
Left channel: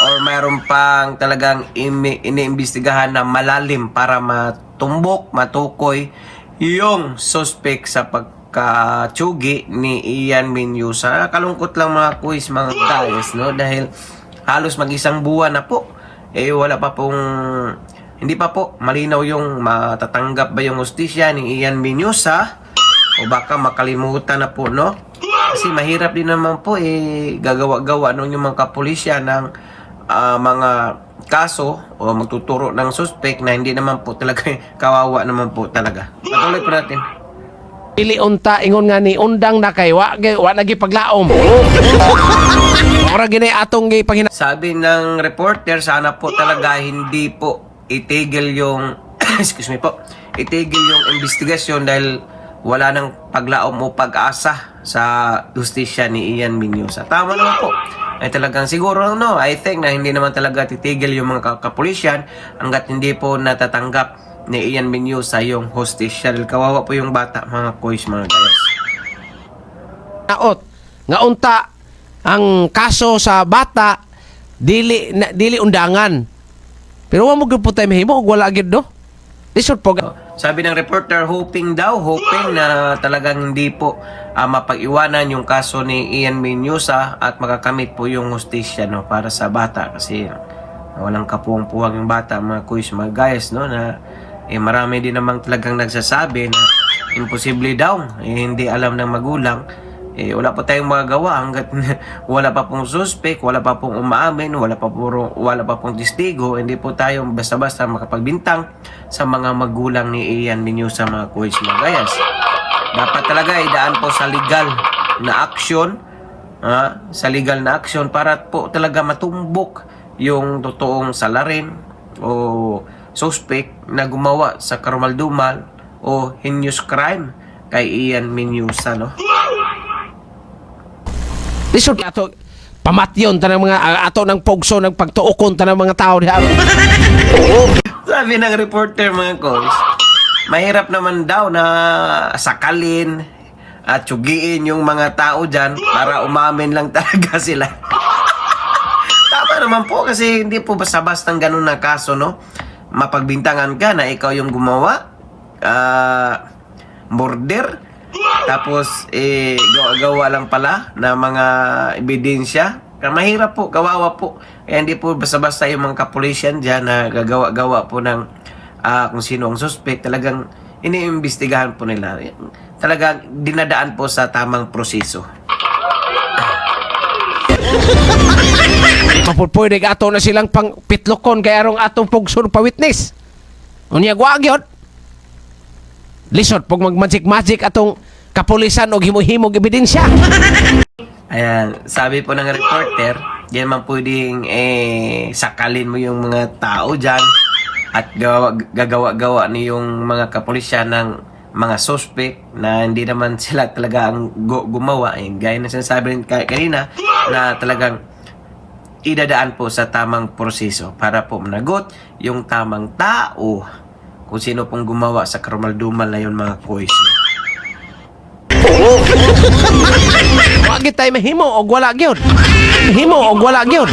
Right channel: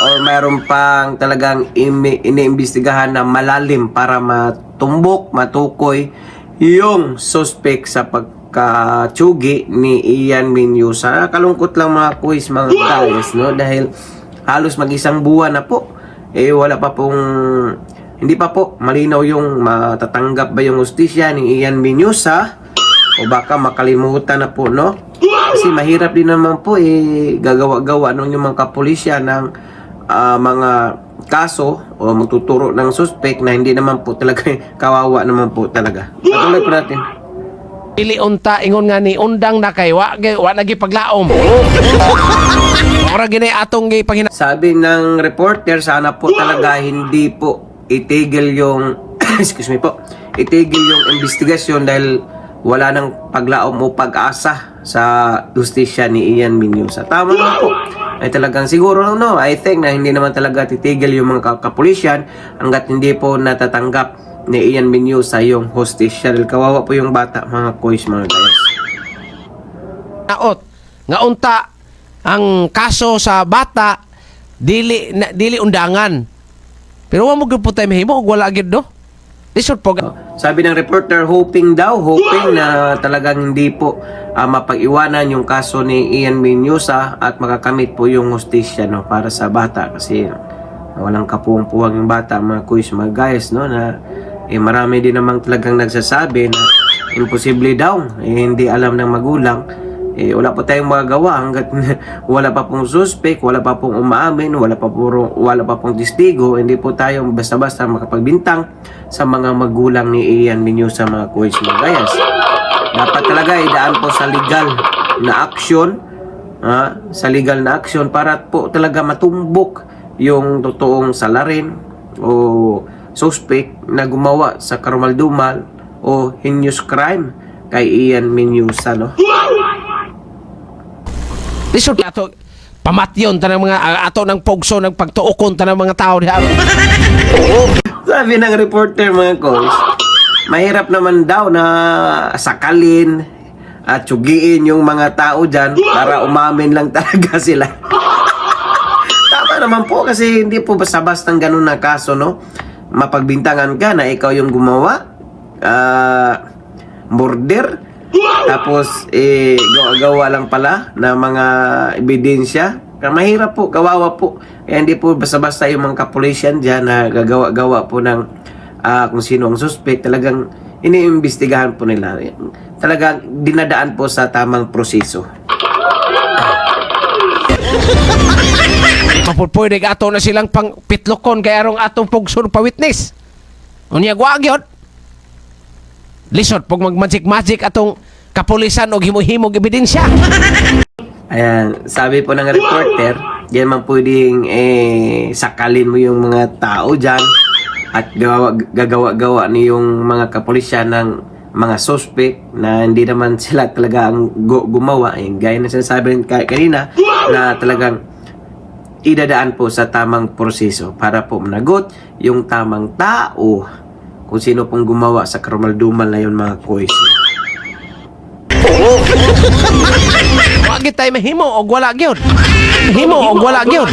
Or mayroon pang talagang iniimbestigahan na malalim para matumbok, matukoy yung suspect sa pagkatsugi ni Ian Mendoza. Kalungkot lang, mga quiz, mga guys, no? Dahil halos mag-isang buwan na po. Wala pa pong, hindi pa po malinaw yung matatanggap ba yung hustisya ni Ian Mendoza. O baka makalimutan na po, no? Kasi mahirap din naman po gagawa-gawa ng yung mga kapulisya ng mga kaso o magtuturo ng suspect na hindi naman po talaga kawawa naman po talaga. Patuloy po natin. Pili unta ingon nga ni undang na kay wa nagi paglaom. Ora gini atong gipangina. Sabi ng reporter, sana po talaga hindi po itigil yung excuse me po, itigil yung investigasyon dahil wala nang paglaom o pag-asa sa justisya ni Ian Mendoza. Tama naman po. Ay talagang siguro I think na hindi naman talaga titigil yung mga kapulisyan hanggat hindi po natatanggap ni Ian Mendoza yung hostisya. Dahil kawawa po yung bata, mga kois, mga guys. Naot nga unta ang kaso sa bata dili undangan. Pero wa mo gyud po tay mahimo og wala gyud do. Lisod po. Sabi ng reporter, hoping na talagang hindi po mapag-iwanan yung kaso ni Ian Mendoza at makakamit po yung hostisya para sa bata kasi walang kapuwang-puwang yung bata, mga kuys, mga guys, na marami din namang talagang nagsasabi na imposible daw, hindi alam ng magulang. Wala pa tayong magagawa hanggat wala pa pong suspect, wala pa pong umaamin, wala pa pong testigo, hindi po tayo basta-basta makapagbintang sa mga magulang ni Ian Mendoza, mga kuys, mga guys. Dapat talaga idaan po sa legal na action, para po talaga matumbok yung totoong salarin o suspect na gumawa sa karumal-dumal o heinous crime kay Ian Mendoza, Lisod ato pamatyon tanang mga ato ng pogso ng pagtuokon tanang mga tao diha. Sabi ng reporter, mga kois, mahirap naman daw na sakalin at tsugiin yung mga tao dyan para umamin lang talaga sila. Tama naman po kasi hindi po basta-bastang ganun na kaso, mapagbintangan ka na ikaw yung gumawa, murder, tapos gawa lang pala na mga ebidensya. Mahirap po, kawawa po. Kaya hindi po basta-basta yung mga kapulisyan dyan na gagawa-gawa po ng kung sino ang suspect. Talagang iniimbestigahan po nila. Talagang dinadaan po sa tamang proseso. Pwede ato na silang pang pitlokon kaya arong atong pogso pa witness. Unya guagyod. Lisod pag mag-magic atong kapulisan og himo-himog ebidensya. Ayan, sabi po ng reporter, diyan man pwedeng sakalin mo yung mga tao dyan at gagawa-gawa ni yung mga kapulisyan ng mga suspect na hindi naman sila talaga ang gumawa. Gaya na sinasabi rin kanina na talagang idadaan po sa tamang proseso para po managot yung tamang tao kung sino pong gumawa sa karumal-dumal na yun, mga kois. Wag tay mahimo og wala gyud. Mahimo og wala gyud.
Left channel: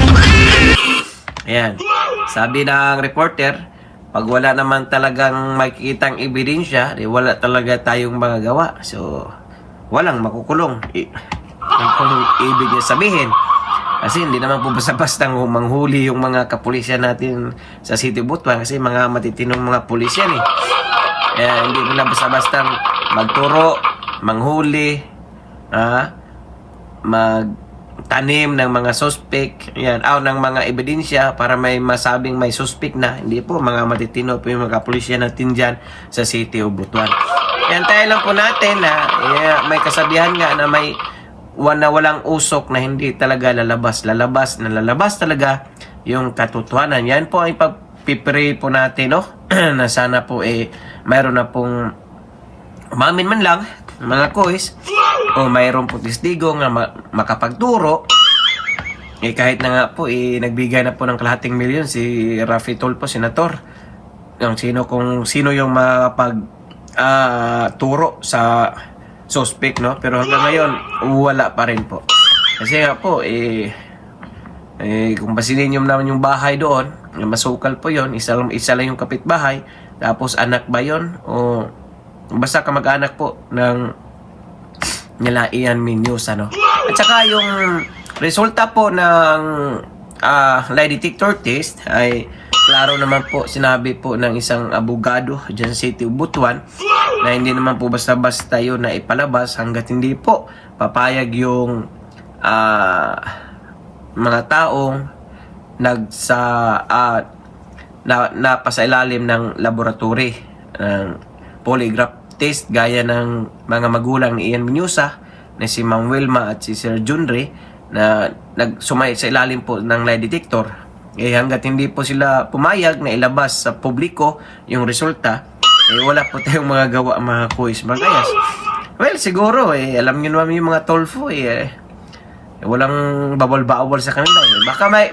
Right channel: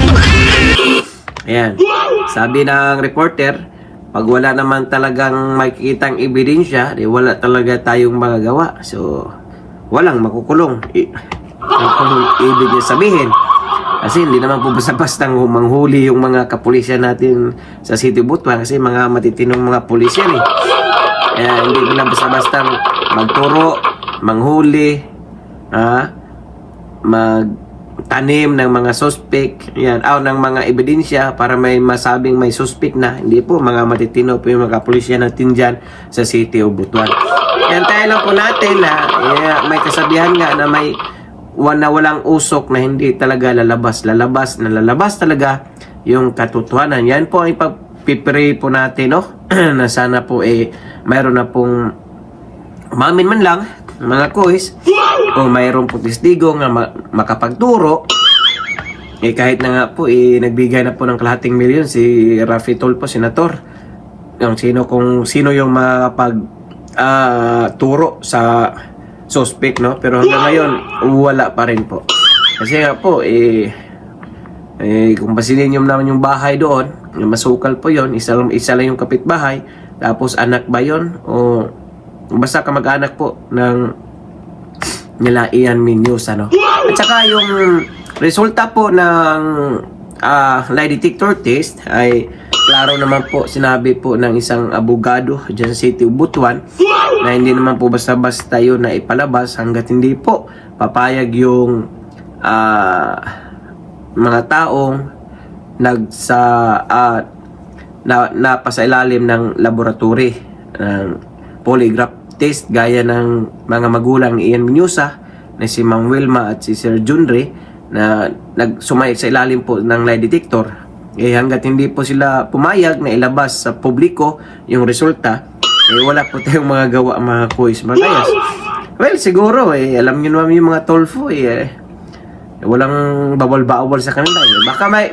Ayan, sabi ng reporter, pag wala naman talagang makikitang ebidensya, wala talaga tayong magagawa. So, walang makukulong. Ang ibig niya sabihin, kasi hindi naman po basta-bastang manghuli yung mga kapulisyan natin sa City Butuan kasi mga matitinong mga pulisyan hindi nila basta-bastang magturo, manghuli, magtanim ng mga suspect, ng mga ebidensya para may masabing may suspect na. Hindi po, mga matitino po yung mga kapulisyan natin dyan sa City of Butuan. Tayo lang po natin na may kasabihan nga na may walang usok na hindi talaga lalabas talaga yung katotohanan. Yan po ay pag-pray po natin, na sana po mayroon na pong umamin man lang, mga kois, o mayroon po testigo nga makapagturo. Kahit na nga po nagbigay na po ng kalahating milyon si Raffy Tulfo, senator, kung sino yung makapag turo sa suspect, pero hanggang ngayon wala pa rin po kasi nga po kung pasilin nyo naman yung bahay doon, masukal po yon, isa lang yung kapitbahay, tapos anak ba yon o basta kamag-anak po ng nila Ian Mendoza, at saka yung resulta po ng lie detector test ay klaro naman po, sinabi po ng isang abogado dyan sa City of Butuan na hindi naman po basta-basta yun na ipalabas hanggat hindi po papayag yung mga taong napasailalim ng laboratory ng polygraph justice gaya ng mga magulang ni Ian Menusa na si Ma'am Wilma at si Sir Junre na nagsumay sa ilalim po ng lie detector. Hanggat hindi po sila pumayag na ilabas sa publiko yung resulta, wala po tayong mga gawa, mga kuis, mga kayas. Well, siguro alam nyo naman yung mga tolfo walang bawal-bawal sa kanila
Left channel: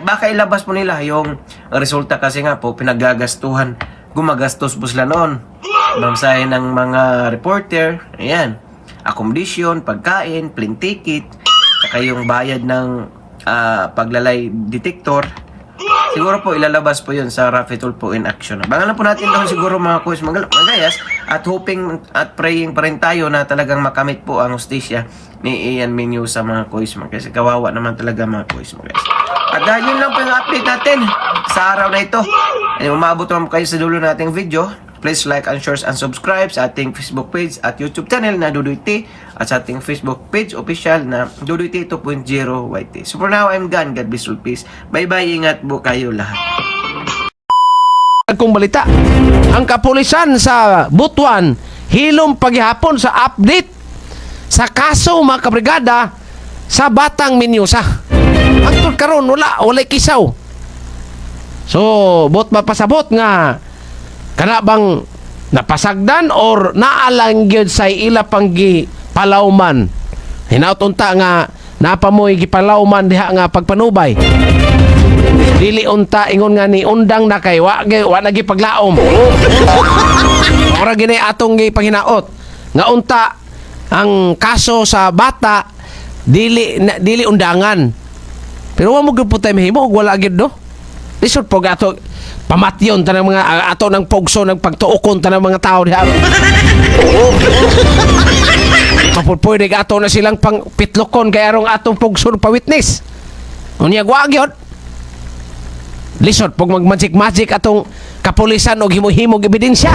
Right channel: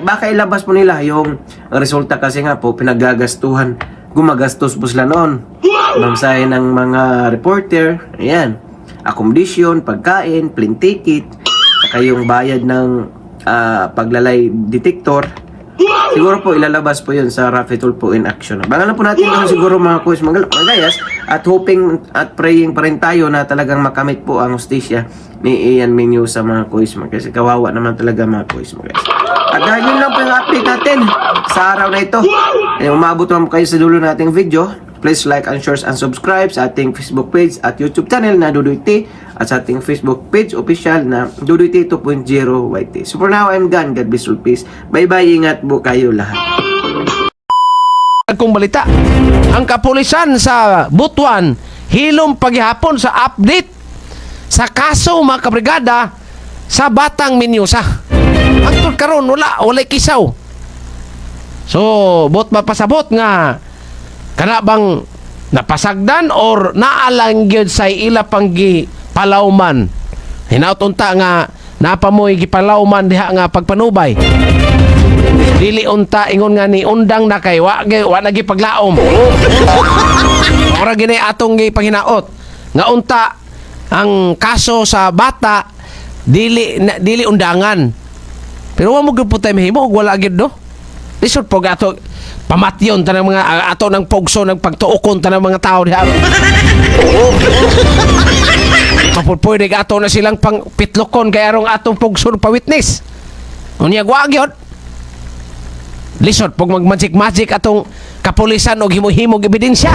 baka ilabas po nila yung resulta kasi nga po pinagagastuhan, gumagastos po sila noon, mamsahe ng mga reporter, ayan, accommodation, pagkain, plane ticket, saka yung bayad ng paglalay detector. Siguro po ilalabas po yun sa Raffy Tulfo in action. Bangalan po natin doon siguro mga kuis, mga gayas, at hoping at praying pa rin tayo na talagang makamit po ang hustisya ni Ian Menusa mga kuis, kasi kawawa naman talaga mga kuis, mga guys. At dahil yun lang po yung update natin sa araw na ito. Umabot naman kayo sa dulo nating video. Please like and share and subscribe sa ating Facebook page at YouTube channel na Dudoy T, at sa ating Facebook page official na Dudoy T 2.0 YT. So for now, I'm gone. God bless you, peace. Bye-bye. Ingat po kayo lahat. Kung balita, ang kapulisan sa Butuan hilom paghihapon sa update sa kaso mga kabrigada sa Batang Menusa. Ang karon wala kisaw. So, bot mapasabot nga kana bang napasagdan or naalang gyud sa ila panggi palawman. Hinautunta nga napamoy gipalawman diha nga pagpanubay. Dili unta ingon nga ni undang na kay wa na gipaglaom. Ora gini atong gipanginaot nga unta ang kaso sa bata dili undangan. Pero wa mo gyud putay mahimo og wala gyud do. Lisod po ato pamatyon tanang mga ato ng pogso ng pagtuokon tanang mga tao diha. Mapupwede ato na silang pang pitlokon kay arong atong pogso pa witness. Unya wa gyud. Lisod pag mag-magic atong kapulisan og himo-himog ebidensya.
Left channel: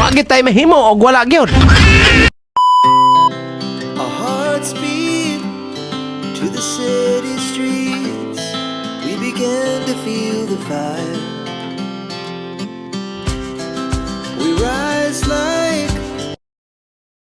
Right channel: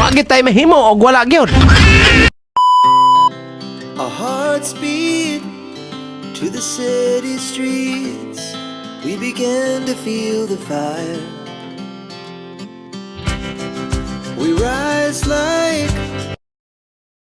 Wa gyud tay mahimo og wala gyud. Our hearts beat to the city streets. We began to feel the fire. We rise like